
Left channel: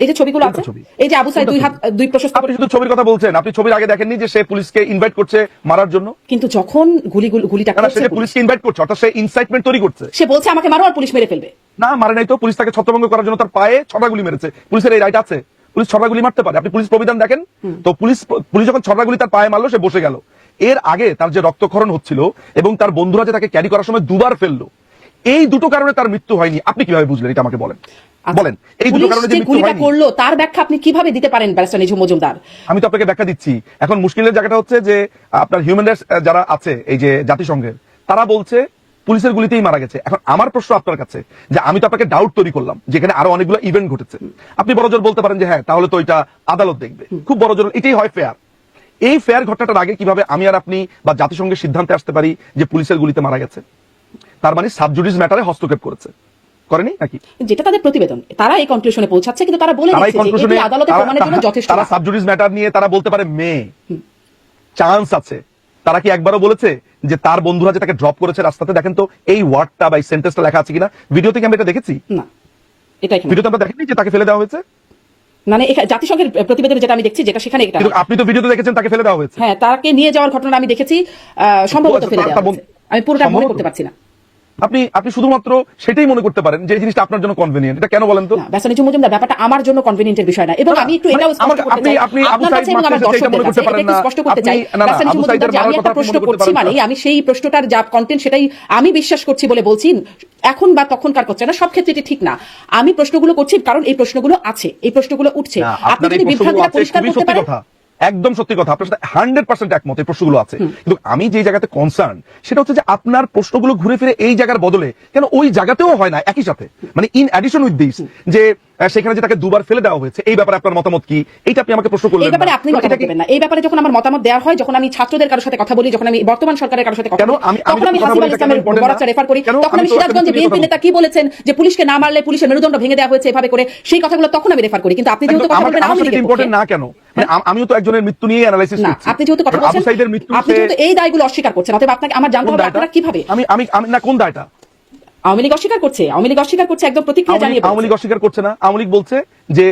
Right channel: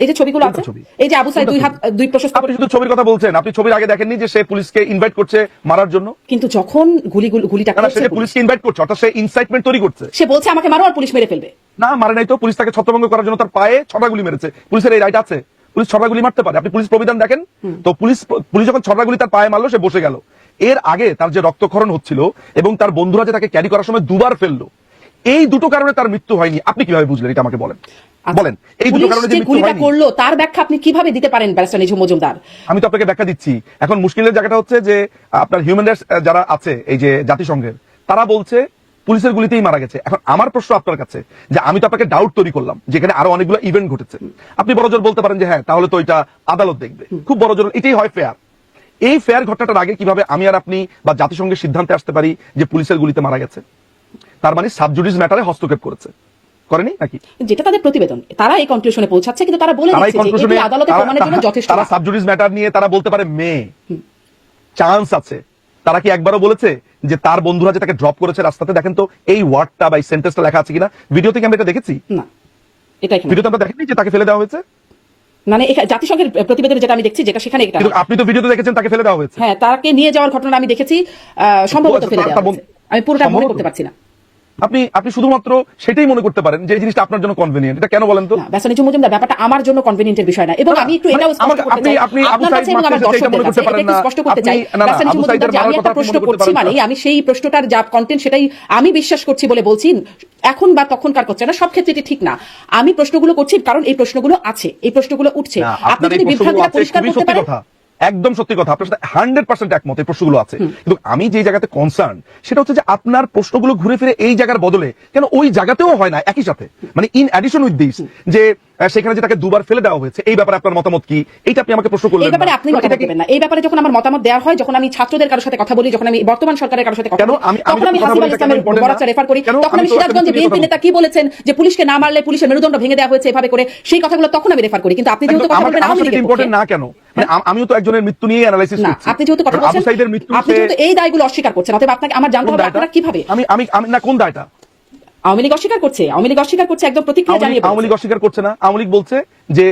B: এই যে ছবিগুলো আছে এই যে আবু সাইদ দুই হাত দুই প্রশস্ত
A: আপনি শুধু ছবির কথা বলছেন আপনি ছবির আগে দেখেননি যে সে পুলিশকে ইনভাইট করছে মারার জন্য?
B: কিন্তু যখন গুলি গুলিটা
A: না, সে
B: করছে
A: পুলিশকে ইনভাইট করছে অর্থাৎ সে ইনসাইটমেন্ট তৈরি করছে।
B: সে বলছে আমাকে মারো আর পুলিশ মেরে ফেলবে।
A: না মারে নাই তো পুলিশ তাকে ছত্রভঙ্গ করার জন্য তার পায়ে ছটা গুলি মেরেছে। পুলিশের এই রাইট আছে। পুলিশ ছটা গুলি মারতে পারে। আপনি পুলিশ প্রবিধান দেখেন? তো পুলিশ পুলিশ যখন ছটা গুলি তার পায়ে মারলো সে বসে গেল। এর আগে তার যে রক্তক্ষরণ হচ্ছিল এবং তার বন্ধুরা যে তাকে ক্যারি করার সময় দুবার ফেলল এই দুটো কারণে তার মৃত্যু হয়নি। আপনি কীভাবে বুঝলেন? এটা আমাকে বলেন। বলেন এই দুটো কারণে যে
B: গুলিটা
A: হয়নি।
B: করল তার ব্যাখ্যা আপনি কীভাবে দিতে পারেন ব্যারিস্টার নিঝুম মজুমদার?
A: আমি তো আপনাকে ব্যাখ্যা দিচ্ছি। এখন মুশকিলের জায়গাটা হচ্ছে যে আপনার হিউম্যান রাইটস যারা আছে এই যে জাতিসংঘের তারা বলছে পুলিশের গুলিতেই মারা গেছে। এখন আমার প্রশ্ন আপনার কাছে যে আমি তো আপনাকে ডাউট তৈরি করলাম যেখানে আরও অনেকগুলো ইভেন্ট ঘটেছে। আপনি বড় জোর বলতে পারেন যে হ্যাঁ তাহলে তো এটা আদালত দেখবে। খুব বড় জোর এটাই হয় ফেয়ার এই ফেয়ার ঘটনাটার আগে কীভাবে আমি আর আপনি বা জাতিসংঘের সিদ্ধান্তে আসতে পারি যে পুলিশের গুলিতে মারা গেছে? তার মানে সাবজুডিস ম্যাটারে হস্তক্ষেপ করেছে। করেনি নাকি?
B: যেটা তাদের প্রতিবেদন তারা এই কনক্লুশনে পৌঁছাচ্ছে কিন্তু তারা বলে দিচ্ছে যে আদালতে প্রমাণের জন্য যথেষ্ট
A: তারা সাবজুডিস ম্যাটার নিয়ে তারা বলতে পারে মেয়ে। চান্স আছে। তারা কি একবারও বলেছে? যে তার বন্ধুরা যে তাকে ড্রপ করেছে রাস্তাতে দেখেন তো এই ওয়ার্ডটা বা এই সেন্টেন্সটা লেখা আছে কিনা? ভিডিও থেকে আমি এটা দেখেছি? ভিডিওতে আমরা দেখেনি যে তাকে ফেলে দেওয়া হয়েছে?
B: মানে জাতিসংঘের প্রতিবেদনে যেটা আমি দেখছি যেটা সেখানে এটা।
A: আপনি তো ভিডিওতে দেখেছেন তাকে ফেলে দেওয়া হয়েছে।
B: হ্যাঁ তাকে নিয়ে যাওয়ার ঘটনা আমি দেখেছি সম্ভবত। আমি পুরোটা মনে করতে পারছি না।
A: আপনি আপনি শুধুমাত্র সেটাই মনে করতে পারেন যে জিনিসটা আপনার জন্য কনভেনিয়েন্ট এটা কেন বলেন তো?
B: না, ব্যাসানিজু মজুমদার ব্যাপারটা আমার জন্য কনভেনিয়েন্টের বিষয় না। এবং আমি একটু
A: মানে
B: এটাও স্পষ্ট
A: আমাকে-
B: করতে
A: আপনি-
B: চাই।
A: আপনি এটা মনে করতে পারেন না।
B: স্পষ্ট করতে চাই।
A: আপনি- না, না,
B: আমি প্রশ্ন করছি মানে আমি সেই প্রশ্নটার যা কন্টেন্ট সেটাই আমি বিশ্বাস করছি বলে বলছি। তখন বা তখনকার হচ্ছে না সব ক্ষেত্রে এটি ঠিক না। আমি প্রশ্নগুলো করছি কারণ এই প্রশ্নগুলো আছে এই প্রশ্নগুলো উঠছে। আপনি
A: আছে,
B: পরিষ্কার করতে পারেন
A: কথা। একদম সত্যি কথা আপনার সাথে হান্ড্রেড পার্সেন্ট একমত এই প্রশ্নগুলো আছে। কিন্তু আমি যে জায়গাতে কনসার্ন সেটা হচ্ছে যে আপনার প্রশ্নগুলো ঘুরে ফিরে এই জায়গার বদলে কেন ওই জায়গাতেও হয় না একই সাথে। মানে ইন অ্যাডিশন উইথ দিস যে সেখানে যে তাকে দুবার ফেলে দেওয়া হয়েছে এই ব্যাপারে আপনার মতামত কি? এইটা আপনি আমাকে প্রশ্ন করলেন।
B: এই ব্যাপারে আপনি কথা বলবেন না। এই ব্যাপারে যখন আমার মতামত দেওয়া হয় যখন আমি ছাত্রদের কারোর সাথে কথা বলি যখন আমি বর্তমান সরকারের কারোর সাথে কথা বলি
A: আমি- আমি
B: তখন আমি
A: কথা
B: ইসলামের
A: এটা important
B: বরাচ্চা
A: না।
B: রেফার করি। তখন
A: আমি
B: আমি
A: তো
B: সিরাজগঞ্জে বিএনপি নেতা কি বলেছেন যে পুলিশকে না মারলে পুলিশের মেরুদণ্ড ভেঙে দেওয়া হয়েছে এভাবে করে সেই কথাগুলো তখন আমি রেফার করি। কিন্তু আপনি যেহেতু কথা বলবেন
A: ইম্পর্টেন্ট না কেন? মানে আমিও তো একজনের মৃত্যু নিয়ে অ্যানালাইসিস করছি।
B: আপনি যেহেতু কথা বলছেন আপনি যেহেতু এই দায়গুলো অস্বীকার করছেন অতএব আপনাকে আমার জানতে হবে আপনারা কীভাবে?
A: আমি না কোন দায়টা?
B: আওয়ামী লীগ অস্বীকার করছে আওয়ামী লীগ অস্বীকার করছে একদম প্রতিক্রিয়া জানিয়ে
A: আওয়ামী লীগ। অস্বীকার করছে না আওয়ামী লীগ বলছে যে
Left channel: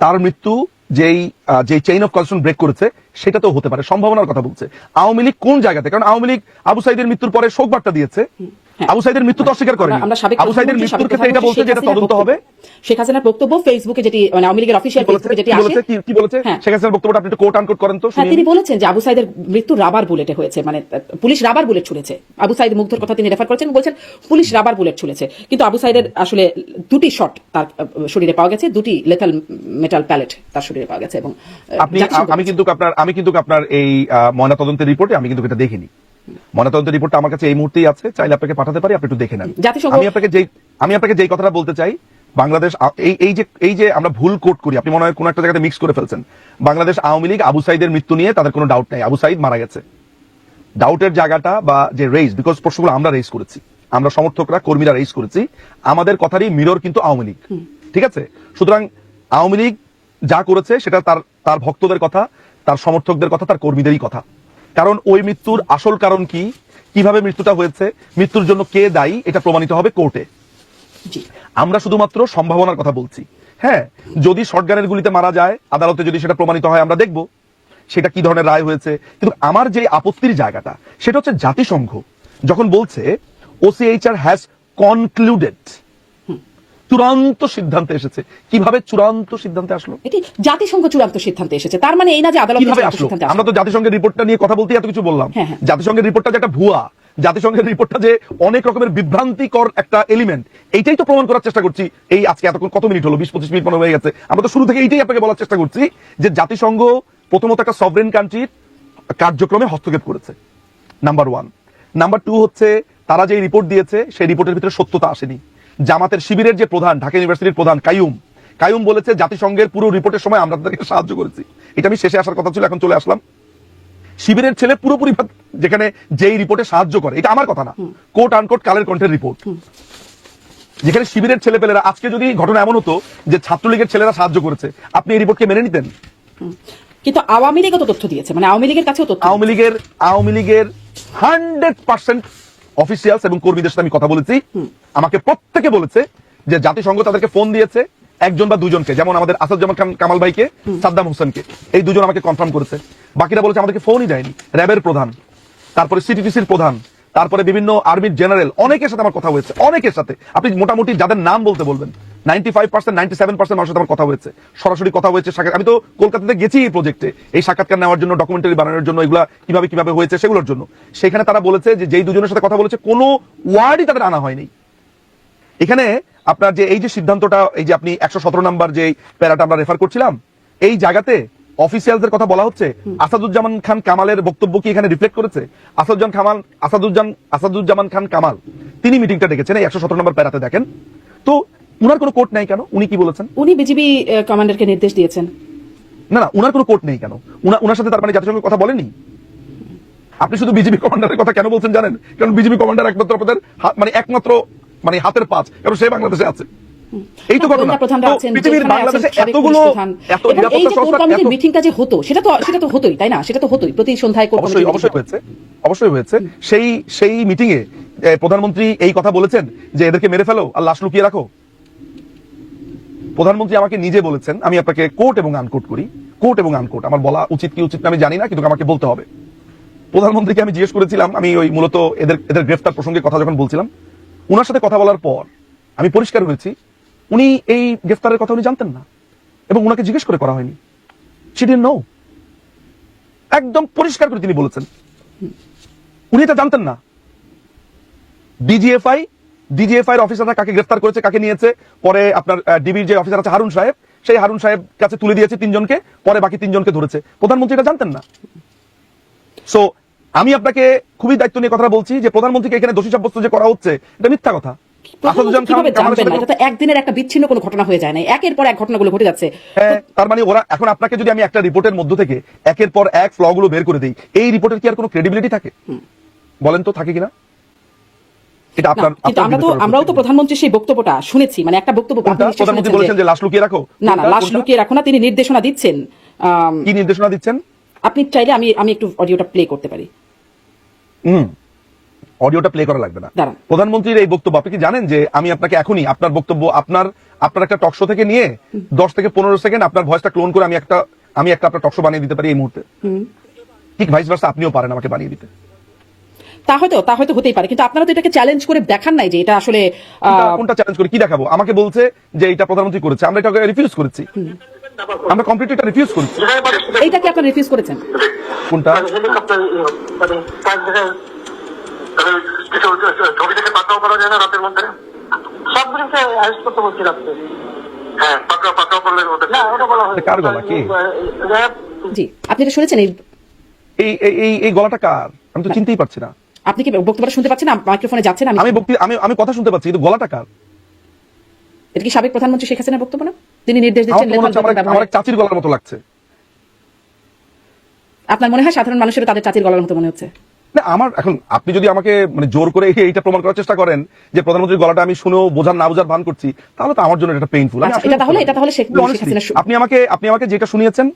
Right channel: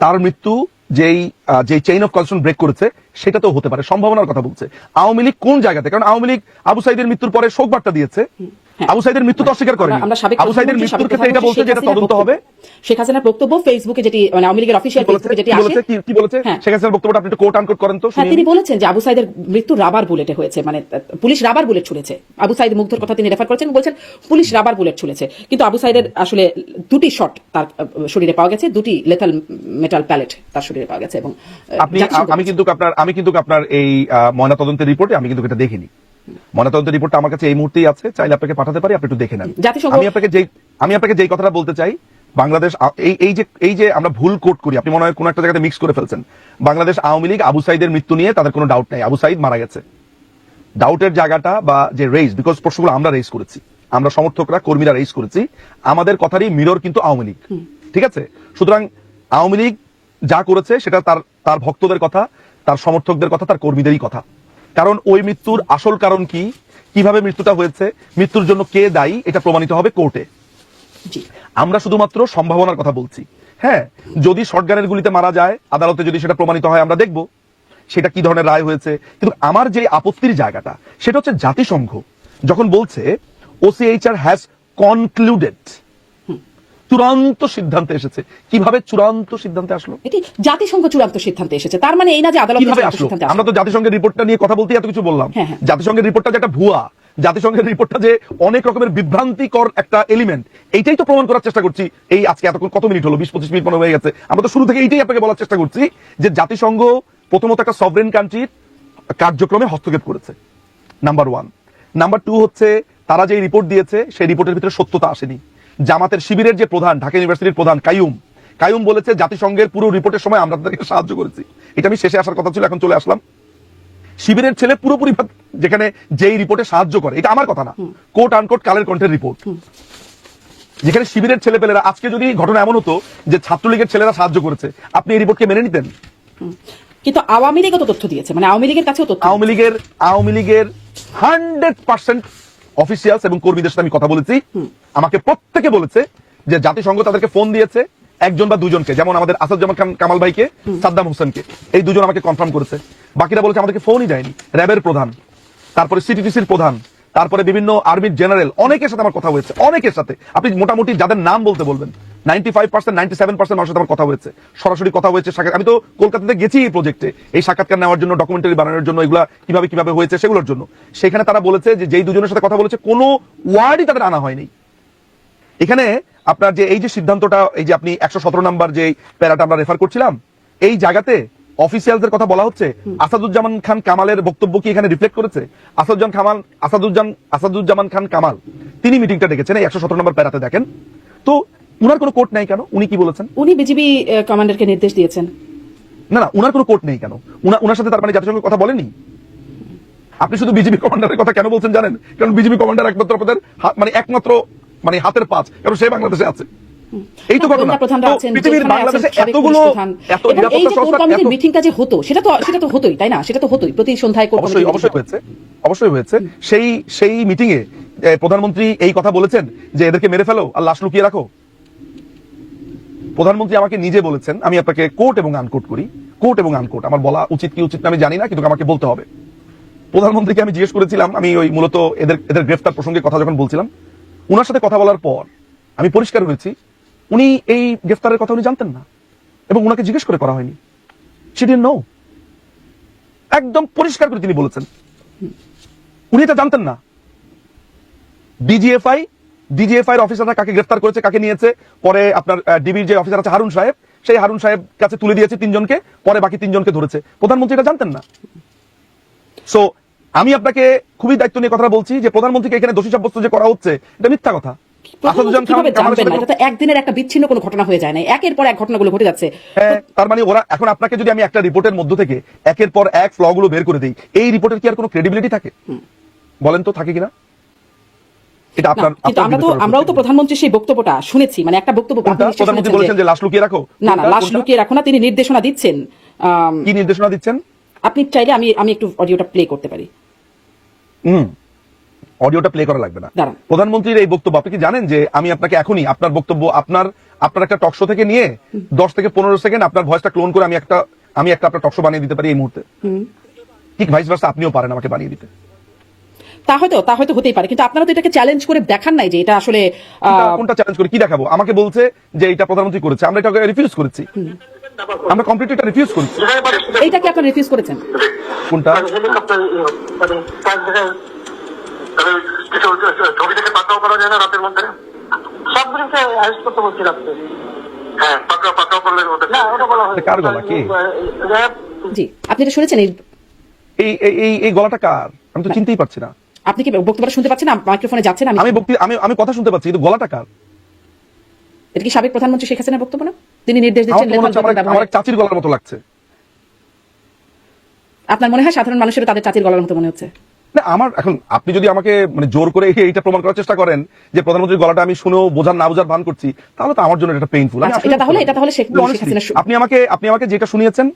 A: তার মৃত্যু যেই যে চেইন অফ কনস্ট্রাকশন ব্রেক করেছে সেটা তো হতে পারে সম্ভাবনার কথা বলছে। আওয়ামী লীগ কোন জায়গাতে? কারণ আওয়ামী লীগ আবু সাইদের মৃত্যুর পরে শোক বার্তা দিয়েছে।
B: হ্যাঁ।
A: আবু সাইদের মৃত্যু তো অস্বীকার করেনি।
B: আমরা- আমরা সাবেক
A: আবু সাইদের মৃত্যুর ক্ষেত্রে এটা তদন্ত হবে
B: শেখ হাসিনার বক্তব্য ফেসবুকে যেটি মানে আওয়ামী লীগের অফিসিয়াল ফেসবুকে যেটি আছে
A: কি- বলেছে?
B: হ্যাঁ।
A: শেখ হাসিনার বক্তব্যটা আপনি একটু কোট আনকোট করেন তো
B: হ্যাঁ তিনি বলেছেন যে আবু সাইদের মৃত্যু রাবার বুলেটে হয়েছে মানে পুলিশ রাবার বুলেট ছুড়েছে। আবু সাইদ কথা তিনি রেফার করছেন বলছেন পুলিশ রাবার বুলেট ছুড়েছে। কিন্তু আবু সাইদের আসলে দুটি শট তার শরীরে পাওয়া গেছে দুটি লেথাল মেটাল প্যালেট তার শরীরে পাওয়া গেছে এবং
A: আপনি আমি কিন্তু আপনার আমি কিন্তু আপনার এই ময়না তদন্তের রিপোর্টে আমি কিন্তু এটা দেখিনি। ময়না তদন্তের রিপোর্টটা আমার কাছে এই মুহূর্তেই আছে। চাইলে আপনাকে পাঠাতে পারি আপনি একটু দেখে নেন। আমি আপনাকে যেই আমি আপনাকে যেই কথাটা বলতে চাই বাংলাদেশ এই এই যে এই যে আমরা ভুল কোট করি আপনি মনে হয় কোন একটা জায়গাতে মিক্স করে ফেলছেন। বাংলাদেশ আওয়ামী লীগ আবু সাইদের মৃত্যু নিয়ে তাদের কোনো ডাউট নেই। আবু সাইদ মারা গেছে। ডাউটের জায়গাটা বা যে রেজ বিকজ প্রশ্নগুলো আমরা রেজ করেছি। আমরা সমর্থকরা কর্মীরা রেজ করেছি। আমাদের কথারই মিরর কিন্তু আওয়ামী লীগ। ঠিক আছে? সুতরাং আওয়ামী লীগ যা করেছে সেটা তার তার ভক্তদের কথা। তার সমর্থকদের কথা তার কর্মীদেরই কথা। কারণ ওই মৃত্যুর আসল কারণ কি? কীভাবে মৃত্যুটা হয়েছে? মৃত্যুর জন্য কে দায়ী? এটা প্রমাণিত হবে কোর্টে। আমরা শুধুমাত্র সম্ভাবনার কথা বলছি। হ্যাঁ যদি সরকারের গুলিতে মারা যায় আদালতে যদি সেটা প্রমাণিত হয় আমরা দেখব সেটা কি ধরনের রায় হয়েছে। কিন্তু আমার যে আপত্তির জায়গাটা সেটা হচ্ছে জাতিসংঘ। যখন বলছে ওসিএইচআর হ্যাজ কনক্লুডেড চূড়ান্ত সিদ্ধান্তে এসেছে। কীভাবে চূড়ান্ত সিদ্ধান্তে আসলো?
B: এটি জাতিসংঘ চূড়ান্ত সিদ্ধান্তে এসেছে। তার মানে এই না যে আদালত
A: আমরা তো জাতিসংঘের রিপোর্টটা নিয়ে কথা বলতে এত কিছু বললাম।
B: হুম, হুম।
A: জাতিসংঘের রিপোর্টটা যেটা ভুয়া জাতিসংঘের রিপোর্টটা যে অনেক রকমের বিভ্রান্তিকর একটা এলিমেন্ট এইটাই তো প্রমাণ করার চেষ্টা করছি। এই আজকে এতক্ষণ কত মিনিট হলো? বিশ পঁচিশ মিনিট মনে হয়ে গেছে। আমরা তো শুরু থেকে এইটাই আপনাকে বলার চেষ্টা করছি যে জাতিসংঘ প্রথমত একটা সভরেন কান্ট্রির কার্যক্রমে হস্তক্ষেপ করেছে। নাম্বার ওয়ান নাম্বার টু হচ্ছে তারা যে রিপোর্ট দিয়েছে সেই রিপোর্টের ভিতরে সত্যতা আসেনি। জামাতের শিবিরের যে প্রধান ঢাকা ইউনিভার্সিটির প্রধান কাইয়ুম। কাইয়ুম বলেছে জাতিসংঘের পুরো রিপোর্টের সময় আমরা তাদেরকে সাহায্য করেছি। এটা আমি শেষে আসার কথা ছিল এখন চলে আসলাম। শিবিরের ছেলে পুরোপুরি যেখানে যেই রিপোর্টে সাহায্য করে এটা আমার কথা না। কোট আনকোট কালের কণ্ঠের রিপোর্ট। যেখানে শিবিরের ছেলেপেলেরা আজকে যদি ঘটনা এমন হতো যে ছাত্রলীগের ছেলেরা সাহায্য করেছে আপনি এই রিপোর্টকে মেনে নিতেন?
B: কিন্তু আওয়ামী লীগও তো তথ্য দিয়েছে মানে আওয়ামী লীগের কাছেও তথ্য
A: আওয়ামী লীগের আওয়ামী লীগের হান্ড্রেড পার্সেন্ট অফিসিয়ালস এবং কর্মীদের সাথে আমি কথা বলেছি। আমাকে প্রত্যেকে বলেছে যে জাতিসংঘ তাদেরকে ফোন দিয়েছে একজন বা দুজনকে যেমন আমাদের আসাদুজ্জামান খান কামাল ভাইকে সাদ্দাম হোসেনকে। এই দুজন আমাকে কনফার্ম করেছে। বাকিরা বলেছে আমাদেরকে ফোনই দেয়নি। র্যাবের প্রধান তারপরে সিটিটিসির প্রধান তারপরে বিভিন্ন আর্মির জেনারেল অনেকের সাথে আমার কথা হয়েছে। অনেকের সাথে। আপনি মোটামুটি যাদের নাম বলতে বলবেন ninety five percent ninety seven percent মানুষের আমার কথা হয়েছে। সরাসরি কথা হয়েছে সাক্ষাৎ- আমি তো কলকাতাতে গেছি এই প্রজেক্টে এই সাক্ষাৎকার নেওয়ার জন্য ডকুমেন্টারি বানানোর জন্য এগুলা কীভাবে কীভাবে হয়েছে সেগুলোর জন্য। সেখানে তারা বলেছে যে যেই দুজনের সাথে কথা বলেছে, কোনো ওয়ার্ডই তাদের আনা হয়নি। এখানে আপনার যে এই যে সিদ্ধান্তটা, এই যে আপনি একশো সতেরো নাম্বার যে প্যারাটা আমরা রেফার করছিলাম, এই জায়গাতে অফিসিয়ালদের কথা বলা হচ্ছে। আসাদুজ্জামান খান কামালের বক্তব্য কি এখানে রিফ্লেক্ট করেছে? আসাদুজ্জামান খামাল আসাদুজ্জামান আসাদুজ্জামান খান কামাল, তিনি মিটিংটা ডেকেছেন এই একশো সতেরো নম্বর প্যারাতে দেখেন। তো উনার কোনো কোর্ট নেই কেন? উনি কি বলেছেন?
B: উনি বিজিবি কমান্ডারকে নির্দেশ দিয়েছেন।
A: না না উনার কোনো কোর্ট নেই কেন? উনার সাথে তার মানে জাতিসংঘের কথা বলেনি আপনি শুধু বিজেপি কমান্ডারের কথা কেন বলছেন জানেন? কারণ বিজেপি কমান্ডার একমাত্র আপনাদের মানে একমাত্র মানে হাতের পাঁচ কারণ সে বাংলাদেশে আছে। এই তো
B: মিটিংটা যে হতো সেটা তো সেটা তো হতোই তাই না? সেটা তো হতোই। প্রতি সন্ধ্যায়
A: অবশ্যই অবশ্যই হয়েছে। অবশ্যই হয়েছে। সেই মিটিং এ প্রধানমন্ত্রী এই কথা বলেছেন যে এদেরকে মেরে ফেলো। প্রধানমন্ত্রী আমাকে নিজে বলেছেন, আমি আপনাকে কোর্ট এবং আনকোট করি। কোর্ট এবং আনকোট আমার বলা উচিত কি উচিত না আমি জানি না, কিন্তু আমাকে বলতে হবে। প্রধানমন্ত্রীকে আমি জিজ্ঞেস করেছিলাম, আমি ওই মূলত এদের এদের গ্রেফতার প্রসঙ্গে কথা যখন বলছিলাম, উনার সাথে কথা বলার পর আমি পরিষ্কার হয়েছি, উনি এই গ্রেফতারের কথা উনি জানতেন না, এবং উনাকে জিজ্ঞেস করে করা হয়নি। সেদিন নো একদম পরিষ্কার করে তিনি বলেছেন। উনি এটা জানতেন না। ডিজিএফআই ডিজিএফআই এর অফিসাররা কাকে গ্রেফতার করেছে কাকে নিয়েছে পরে আপনার ডিবির যে অফিসার আছে হারুন সাহেব সেই হারুন সাহেব কাছে তুলে দিয়েছে তিনজনকে পরে বাকি তিনজনকে ধরেছে। প্রধানমন্ত্রী এটা জানতেন না? সো আমি আপনাকে খুবই দায়িত্ব নিয়ে কথা বলছি যে প্রধানমন্ত্রীকে এখানে দোষী সাব্যস্ত যে করা হচ্ছে এটা মিথ্যা কথা। আসাদুজ্জামান
B: কীভাবে
A: খান কামালের
B: জানবেন না?
A: সাথে-
B: এটা তো একদিনের একটা বিচ্ছিন্ন কোনো ঘটনা হয়ে যায় না একের পর এক ঘটনাগুলো ঘটে যাচ্ছে।
A: তার মানে ওরা এখন আপনাকে যদি আমি একটা রিপোর্টের মধ্য থেকে একের পর এক ফ্লগুলো বের করে দিই এই রিপোর্টের কি আর কোনো ক্রেডিবিলিটি থাকে? বলেন তো থাকে কিনা? এটা আপনার
B: আমরা তো আমরাও তো। প্রধানমন্ত্রী সেই বক্তব্যটা শুনেছি মানে একটা বক্তব্য
A: প্রধানমন্ত্রী বলেছেন
B: যে-
A: যে লাশ লুকিয়ে রাখো।
B: না না লাশ লুকিয়ে রাখো না তিনি নির্দেশনা দিচ্ছেন
A: কি নির্দেশনা দিচ্ছেন?
B: আপনি চাইলে আমি আমি একটু অডিওটা প্লে করতে পারি।
A: হুম। অডিওটা প্লে করা লাগবে না। প্রধানমন্ত্রীর এই বক্তব্য আপনি কি জানেন যে আমি আপনাকে এখনই আপনার বক্তব্য আপনার আপনার একটা টকশো থেকে নিয়ে দশ থেকে পনেরো সেকেন্ড আপনার ভয়েসটা ক্লোন করে আমি একটা আমি একটা আপনার টকশো বানিয়ে দিতে পারি এই মুহূর্তে। ঠিক ভাইস ভার্সা আপনিও পারেন আমাকে বানিয়ে দিতে।
B: তা হয়তো তা হয়তো হতেই পারে। কিন্তু আপনারা তো এটাকে চ্যালেঞ্জ করে দেখান নাই যে এটা আসলে
A: কোনটা- চ্যালেঞ্জ করে কি দেখাবো? আমাকে বলছে যে এটা প্রধানমন্ত্রী করেছে আমরা এটাকে রিফিউজ করেছি। আমরা এটা রিফিউজ করেছি।
B: এইটাকে আপনারা রিফিউজ করেছেন?
A: কোনটা? কে
B: আপনি এটা শুনেছেন এই
A: এই গলাটা কার? আমি তো চিনতেই পারছি না।
B: আপনি কি বক্তব্যটা শুনতে পাচ্ছেন? মাইক্রোফোনে যাচ্ছেন আমি
A: আমি আমি কথা শুনতে পাচ্ছি কিন্তু গলাটা কার?
B: এটা কি সাবেক প্রধানমন্ত্রী শেখ হাসিনার বক্তব্য না? তিনি নির্দেশ দিচ্ছেন
A: আমার। চাচির গলার মতো লাগছে।
B: আপনার মনে হয় সাধারণ মানুষের তাদের চাচির গলার মতো মনে হচ্ছে?
A: না আমার এখন আপনি যদি আমাকে মানে জোর করে এইটা প্রমাণ করার চেষ্টা করেন যে প্রধানমন্ত্রীর গলাটা আমি শুনেও বোঝার না বোঝার ভান করছি তাহলে তো আমার জন্য এটা পেইনফুল
B: আচ্ছা, এটা তাহলে এটা তাহলে শেখ হাসিনার
A: আপনি আমাকে আপনি আমাকে যেটা শুনিয়েছেন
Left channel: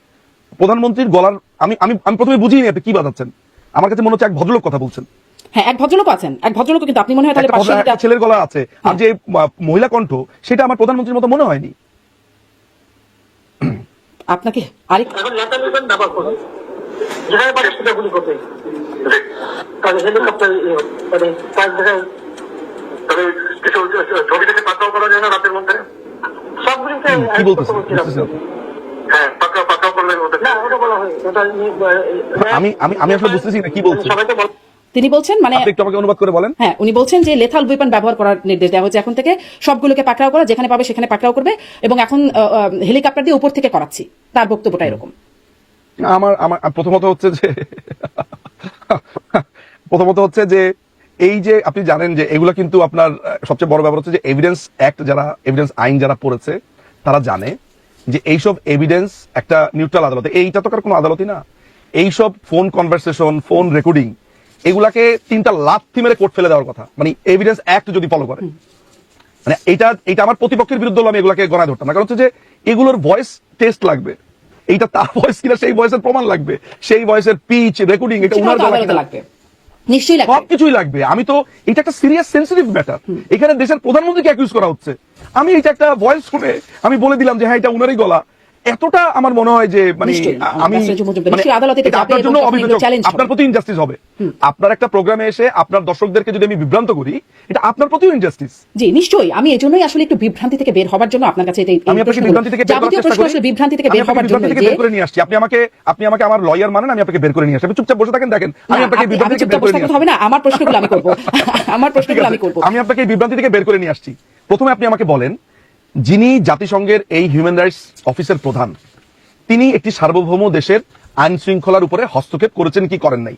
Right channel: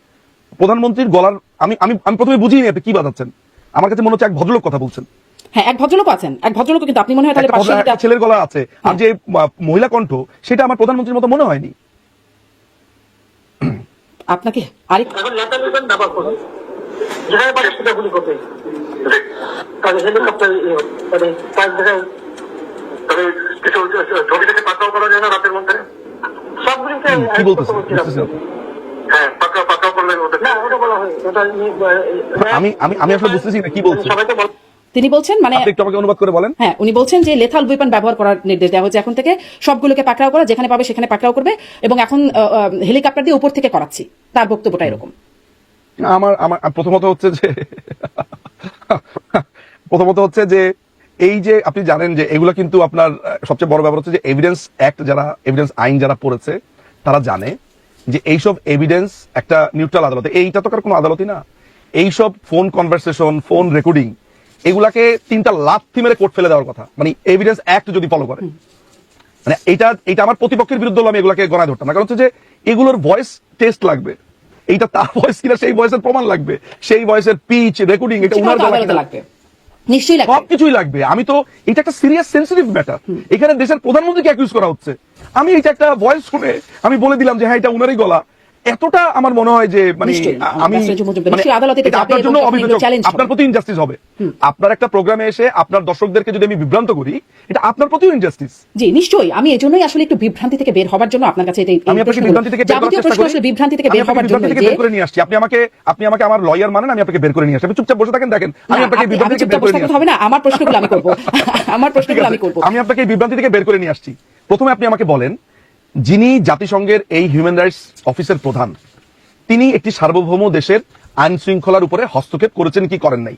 A: প্রধানমন্ত্রীর গলার আমি আমি আমি প্রথমে বুঝিনি আপনি কি বাজাচ্ছেন। আমার কাছে মনে হচ্ছে এক ভদ্রলোক কথা বলছেন।
B: হ্যাঁ এক ভদ্রলোক আছেন। এক ভদ্রলোক কিন্তু আপনি মনে হয় তাহলে
A: ছেলের গলা আছে। আর যে মহিলা কণ্ঠ সেটা আমার প্রধানমন্ত্রীর মতো মনে হয়নি?
B: আপনাকে আরেক
C: এখন নেবেন দাবা করুন যেখানে পারে সেটা গুলি করবে। তাহলে হেলিকপ্টার মানে জায়গায় কিছু ছবি থেকে পাকাও করা যায় না রাতের মধ্যে। হ্যাঁ পাকা পাকাও করলে হতো না ওটা বলা হয়। ওটা
A: আমি আমি আমি আসলে বুঝতেছি না কি বলছেন
C: সবাই তো বল
B: তিনি বলছেন মানে
A: একটু আমাকে অনুবাদ করে বলেন।
B: হ্যাঁ উনি বলছেন যে লেথাল ওয়েপন ব্যবহার করার নির্দেশ দেওয়া হয়েছে। এখন থেকে সবগুলোকে পাকড়াও করা যেখানে পাবে সেখানে পাকড়াও করবে এবং এখন হেলিকপ্টার দিয়ে উপর থেকে করাচ্ছি তার বক্তব্যটা এরকম।
A: আমার আমার প্রথমত হচ্ছে যে প্রথমত হচ্ছে যে এই যে আপনি জানেন যে এগুলো কিন্তু আপনার সবচেয়ে বড় ব্যাপার হচ্ছে যে এভিডেন্স অ্যাক্ট যারা এভিডেন্স আইন যারা পড়েছে তারা জানে যে এইসব এভিডেন্স একটা নিউট্রাল আদালত। এইটা তো কার কোনো আদালতই না। এইসব ফোন কনভারসেশন ফোন রেকর্ডিং এগুলাকে তিনটা লাথি মেরে কোর্ট ফেলে দেওয়ার কথা। মানে এভিডেন্স অ্যাক্ট যদি ফলো করে। মানে এটা এটা আমার প্রতিপক্ষের বিরুদ্ধে আমি এগুলাকে গড়ায় ধরতাম। কারণ হচ্ছে যে এগুলোর ভয়েস টেস্ট লাগবে। এইটা তার ভয়েস কিনা সেই ভয়েসের প্রমাণ লাগবে। সেই ভয়েসের পিচ রেকর্ডিং এটা উনার
B: লাগবে। নিশ্চয়ই লাগবে।
A: সবকিছুই লাগবে। আমি তো এটা একটা সিরিয়াস সেন্সিটিভ ম্যাটার এখানে দেশের প্রধানমন্ত্রীকে অ্যাকিউজ করা হচ্ছে। আমি এটা একটা ভয়েস শুনে আমি বলে দিলাম যে হ্যাঁ এটা উনারই গলা। এতটা আমার মনে হয় যে মানে আমি আপনার প্রতি ইনজাস্টিস হবে। একটা প্রোগ্রামে এসে আপনার দর্শকদেরকে যদি আমি বিভ্রান্ত করি এটা আপনার প্রতিও ইনজাস্টিস
B: জি নিশ্চয়ই। আমি এজন্যই আসলে একটু বিভ্রান্তি থেকে বের হবার জন্য আপনার কাছে এই- এই
A: আমি আপনাকে বিভ্রান্তি থেকে বের করার চেষ্টা করি।
B: বিভ্রান্তি থেকে বের হবার জন্য
A: থেকে বের করে নিয়ে আসছি। আপনি আমাকে আপনি আমাকে আমার লয়ার মানেন আমি আপনাকে বের করে নিয়ে আসছি। আপনি চুপচাপ বসে থাকেন দেখেন। আমি আপনাকে বিভ্রান্তি থেকে বের করে নিয়ে
B: হবে না। আমার প্রশ্নগুলো আমি করব। আমার প্রশ্নগুলো আমি করব।
A: আমি আপনাকে বিভ্রান্তি থেকে বের করে নিয়ে আসছি। প্রথমে আপনি আমাকে বলেন যিনি জাতিসংঘের এই হিউম্যান রাইটস অফিসের প্রধান তিনি একটি সার্বভৌম দেশের আইন শৃঙ্খলার উপরে হস্তক্ষেপ করেছেন কি করেন নাই?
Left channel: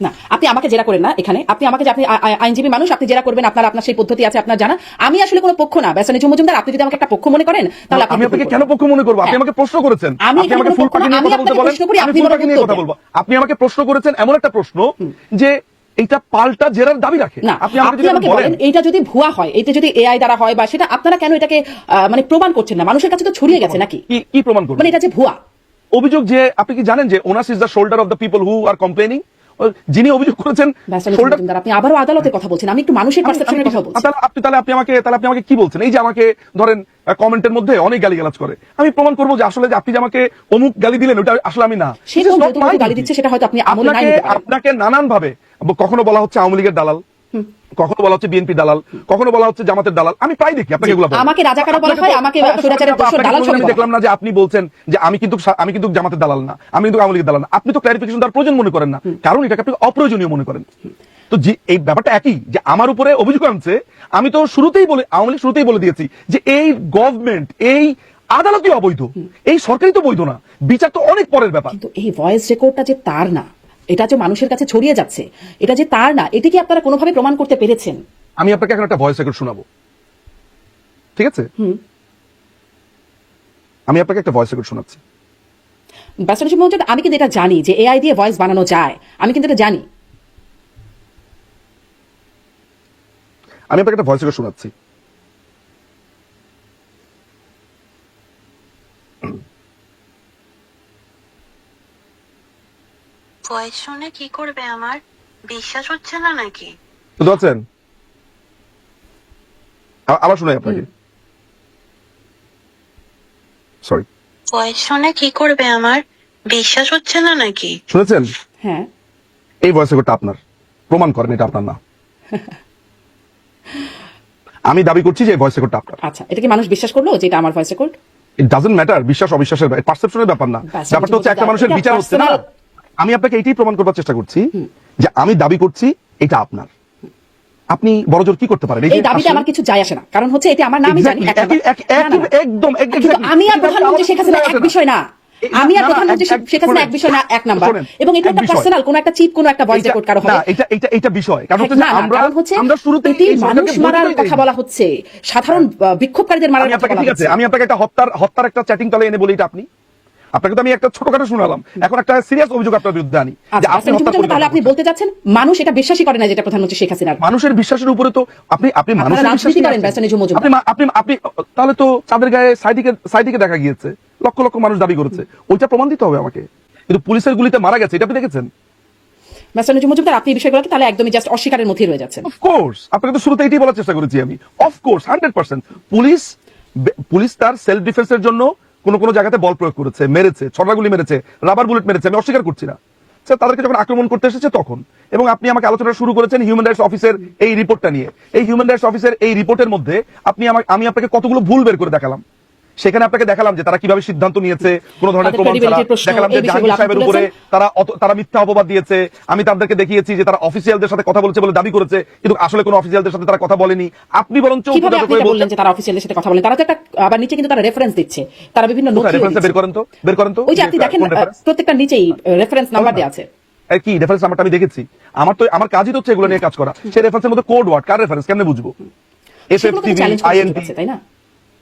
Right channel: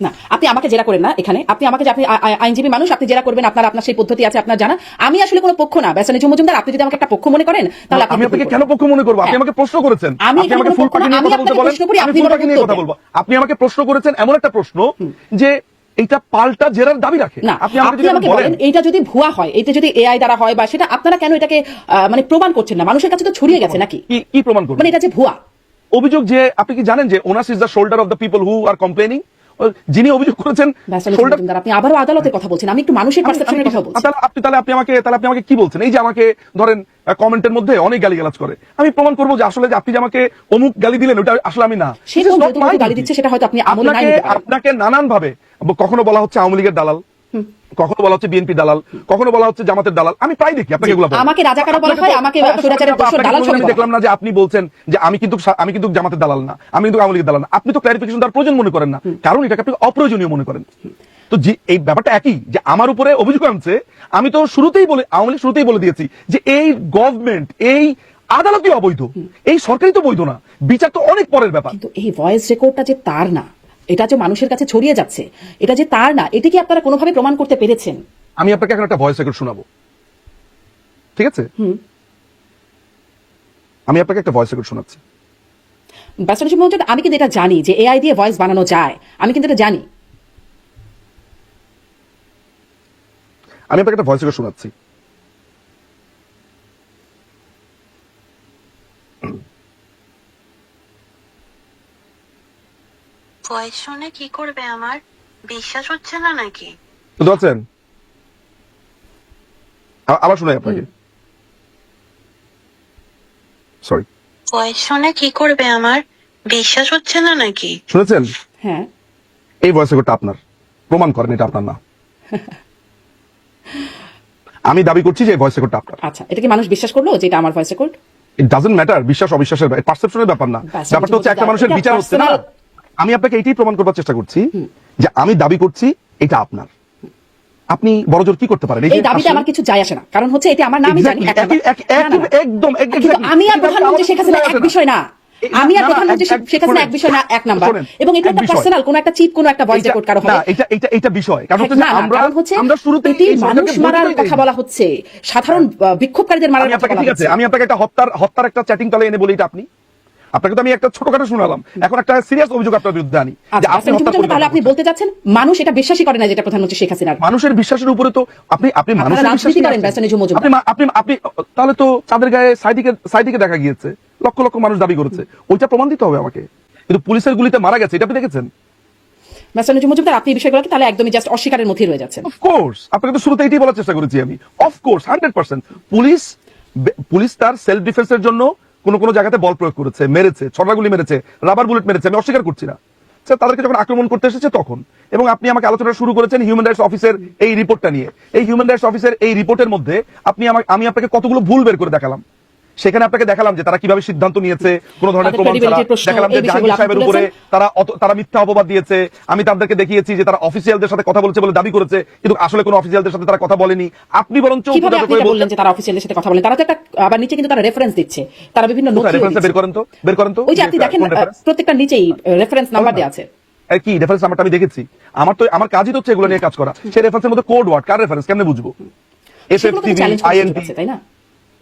B: না আপনি আমাকে জেরা করেন না এখানে। আপনি আমাকে আপনি আইনজীবী মানুষ আপনি জেরা করবেন আপনার আপনার সেই পদ্ধতি আছে আপনার জানা। আমি আসলে কোনো পক্ষ না। বেসানি মজুমদার আপনি যদি আমাকে একটা পক্ষ মনে করেন তাহলে আপনি
A: আমি আপনাকে কেন পক্ষ মনে করব? আপনি
B: হ্যাঁ।
A: আমাকে প্রশ্ন করেছেন।
B: আমি
A: আমাকে ফুল নিয়ে কথা বলতে বলেন।
B: আপনি
A: আমাকে প্রশ্ন করেছেন এমন একটা প্রশ্ন যে এইটা পাল্টা জেরার দাবি রাখে।
B: না
A: আপনি আমাকে বলেন।
B: এটা এইটা যদি ভুয়া হয় এটা যদি এআই দ্বারা হয় বা সেটা আপনারা কেন এটাকে মানে প্রমাণ করছেন না? মানুষের কাছে তো ছড়িয়ে গেছে নাকি?
A: কি কি প্রমাণ করবেন?
B: মানে এটা যে ভুয়া।
A: অভিযোগ যে আপনি কি জানেন যে onus is the shoulder of the people who are complaining যিনি অভিযোগ করেছেন
B: আপনি আবারও আদালতের কথা বলছেন। আমি একটু মানুষের পার্সেপশনের কথা বলছি।
A: তাহলে আপনি তাহলে আপনি আমাকে তাহলে আপনি আমাকে কি বলছেন? এই যে আমাকে ধরেন কমেন্টের মধ্যে অনেক গালিগালাজ করে। আমি প্রমাণ করব যে আসলে যে আপনি যে আমাকে অমুক গালি দিলেন ওটা আসলে আমি না।
B: গালি দিচ্ছে সেটা হয়তো আপনি
A: আপনাকে আপনাকে নানান ভাবে কখনো বলা হচ্ছে আওয়ামী লীগের দালাল। কখনো বলা হচ্ছে বিএনপি দালাল কখনো বলা হচ্ছে জামাতের দালাল আমি প্রায় দেখি আপনাকে এগুলো।
B: আমাকে রাজাকারও বলা হয়, আমাকে স্বৈরাচারের দোষর দালাল বলা।
A: দেখলাম না যে আপনি বলছেন যে আমি কিন্তু আমি কিন্তু জামাতের দালাল না আমি কিন্তু আওয়ামী লীগের দালাল না। আপনি তো ক্লারিফিকেশন তার প্রয়োজন মনে করেন না। কারণ এটাকে আপনি অপ্রয়োজনীয় মনে করেন। তো যে এই ব্যাপারটা একই যে আমার উপরে অভিযোগ আনছে আমি তো শুরুতেই বলে আওয়ামী লীগ শুরুতেই বলে দিয়েছি যে এই গভর্নমেন্ট এই আদালতই অবৈধ। এই সরকারই তো বৈধ না। বিচার তো অনেক পরের ব্যাপার।
B: কিন্তু এই ভয়েস রেকর্ডটা যে তার না এটা যে মানুষের কাছে ছড়িয়ে যাচ্ছে এটা যে তার না এটিকে আপনারা কোনোভাবে প্রমাণ করতে পেরেছেন?
A: আমি আপনাকে এখন একটা ভয়েস রেকর্ড শোনাবো। ঠিক আছে? হুম। আমি আপনাকে একটা ভয়েস রেকর্ড শোনাচ্ছি।
B: বাস্তব মধ্যে আমি কিন্তু এটা জানি যে এআই দিয়ে ভয়েস বানানো যায় আমি কিন্তু এটা জানি।
A: আমি আপনাকে একটা ভয়েস রেকর্ড শোনাচ্ছি।
D: ভয়েস শুনে কি করবে আমার? বিশ্বাস হচ্ছে না নাকি?
A: আ- আবার শোনাই আপনাকে। সরি
D: ভয়েস শুনে কি করবে আমার? বিশ্বাস হচ্ছে না নাকি?
A: শুনেছেন?
B: হ্যাঁ।
A: এই ভয়েস রেকর্ডটা আপনার। প্রমাণ করেন এটা আপনার না। আমি দাবি করছি যে ভয়েস রেকর্ডটা আপনার।
B: আচ্ছা এটা কি মানুষ বিশ্বাস করল যে এটা আমার voice record
A: it doesn't matter বিশ্বাস অবিশ্বাসের পারসেপশনের ব্যাপার না। ব্যাপারটা হচ্ছে একটা মানুষের বিচার হচ্ছে না? আমি আপনাকে এটাই প্রমাণ করবার চেষ্টা করছি যে আমি দাবি করছি এটা আপনার। আপনি বড়জোর কি করতে পারেন? এই
B: দাবিতে আমার কিছু যায় আসে না। কারণ হচ্ছে এটা আমার নামই জানি
A: একদম
B: আমি আর প্রধানমন্ত্রী শেখ হাসিনা এক বিষয় না। আমি আর প্রধানমন্ত্রী শেখ হাসিনা এক বিষয় না এক নাম্বার। এবং এটা একটা পার্সোনাল কোন একটা চিপ কোন একটা ভয়েস রেকর্ড কারও
A: না এটা এটা এটা বিষয়। কারণ হচ্ছে আমরা
B: হচ্ছে
A: আমরা শুরুতেই
B: এটি
A: এই
B: মানুষ মারার কথা বলা হচ্ছে। সাধারণ আহ, বিক্ষোভকারীদের মারার
A: আমি
B: কথা
A: আপনাকে ঠিক আছে আমি আপনাকে একটা হত্যার হত্যার একটা চ্যাটিং তলে এনে বলি এটা আপনি। আপনাকে তো আমি একটা ছোটখাটো শোনালাম। এখন একটা সিরিয়াস অভিযোগ আপনার বিরুদ্ধে আনি
B: আচ্ছা,
A: আপনি
B: তাহলে বলতে যাচ্ছেন মানুষ এটা বিশ্বাসই করে না যেটা প্রধানমন্ত্রী শেখ হাসিনার।
A: মানুষের বিশ্বাসের উপরে তো আপনি আপনি মানুষের বিশ্বাস
B: করেন,
A: আপনি আপনি আপনি তাহলে তো চাঁদের গায়ে সাইডিকে সাইডিকে দেখা গিয়েছে? লক্ষ লক্ষ মানুষ দাবি করেছে। ওইটা প্রমাণ দিতে হবে আমাকে। কিন্তু পুলিশের গুলিতে মারা গেছে এটা আপনি দেখেছেন?
B: ব্যাসানি মজুমদার আপনি এই বিষয়গুলোকে তাহলে একদমই জাস্ট অস্বীকারের মধ্যেই রয়ে যাচ্ছেন।
A: অফকোর্স আপনাকে তো শুরুতে এটাই বলার চেষ্টা করেছি আমি। Of course hundred percent police police তার সেলফ ডিফেন্সের জন্য কোন কোন জায়গাতে বল প্রয়োগ করেছে, মেরেছে ছবাগুলি মেরেছে রাবার বুলেট মেরেছে অস্বীকার করছি। তাদেরকে যখন আক্রমণ করতে এসেছে তখন, এবং আপনি আমাকে আলোচনা শুরু করেছেন হিউম্যান রাইটস অফিসের এই রিপোর্টটা নিয়ে। এই হিউম্যান রাইটস অফিসের এই রিপোর্টের মধ্যে আপনি আমার আমি আপনাকে কতগুলো ভুল বের করে দেখালাম। সেখানে আপনাকে দেখালাম যে তারা কীভাবে সিদ্ধান্ত নিয়েছে কোন ধরনের প্রমাণ ছাড়া দেখালাম যে জাহাঙ্গীর সাহেবের উপরে তারা তারা মিথ্যা অপবাদ দিয়েছে। আমি তাদেরকে দেখিয়েছি যে তারা অফিসিয়ালদের সাথে কথা বলেছে বলে দাবি করেছে কিন্তু আসলে কোনো অফিসিয়ালদের সাথে তারা কথা বলেনি। আপনি বরঞ্চ
B: কীভাবে আপনি বললেন যে তারা অফিসিয়ালের সাথে কথা বলেন? তারা তো একটা আবার নিচে কিন্তু তারা রেফারেন্স দিচ্ছে। তারা বিভিন্ন নোট
A: রেফারেন্সটা বের করেন তো? বের করেন তো?
B: ওই যে আপনি দেখেন? প্রত্যেকটা নিচেই রেফারেন্স নাম্বার দেওয়া আছে।
A: কি রেফারেন্স নাম্বারটা আমি দেখেছি। আমার তো আমার কাজই তো হচ্ছে এগুলো নিয়ে কাজ করা। সেই রেফারেন্সের মধ্যে কোড ওয়ার্ড কার রেফারেন্স কেমনে বুঝব? এস এফ
B: সেগুলো তো
A: টিভি
B: challenge করছে
A: আইএনটি
B: কাছে, তাই না?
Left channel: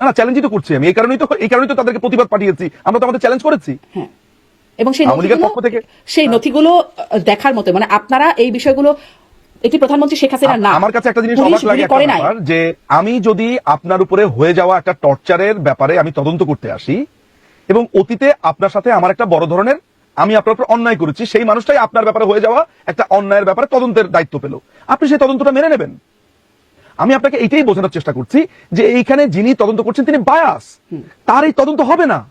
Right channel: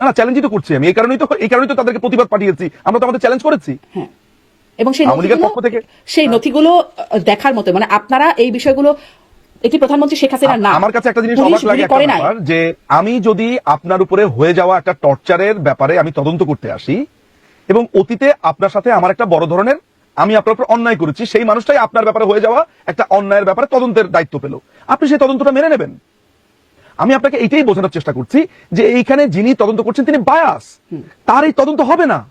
A: না চ্যালেঞ্জই তো করছি আমি। এই কারণেই তো এই কারণেই তো তাদেরকে প্রতিবাদ পাঠিয়েছি। আমরা তো আমাদের চ্যালেঞ্জ করেছি।
B: হ্যাঁ। এবং সেই নথিগুলো সেই নথিগুলো দেখার মতো মানে আপনারা এই বিষয়গুলো এটি প্রধানমন্ত্রী শেখ হাসিনা
A: আমার কাছে একটা জিনিস অবাক লাগে যে আমি যদি আপনার উপরে হয়ে যাওয়া একটা টর্চারের ব্যাপারে আমি তদন্ত করতে আসি এবং অতীতে আপনার সাথে আমার একটা বড় ধরনের আমি আপনার উপর অন্যায় করেছি সেই মানুষটাই আপনার ব্যাপারে হয়ে যাওয়া একটা অন্যায়ের ব্যাপারে তদন্তের দায়িত্ব পেল। আপনি সেই তদন্তটা মেনে নেবেন? আমি আপনাকে এটাই বোঝানোর চেষ্টা করছি যে এইখানে যিনি তদন্ত করছেন তিনি বায়াস তার এই তদন্ত হবে না।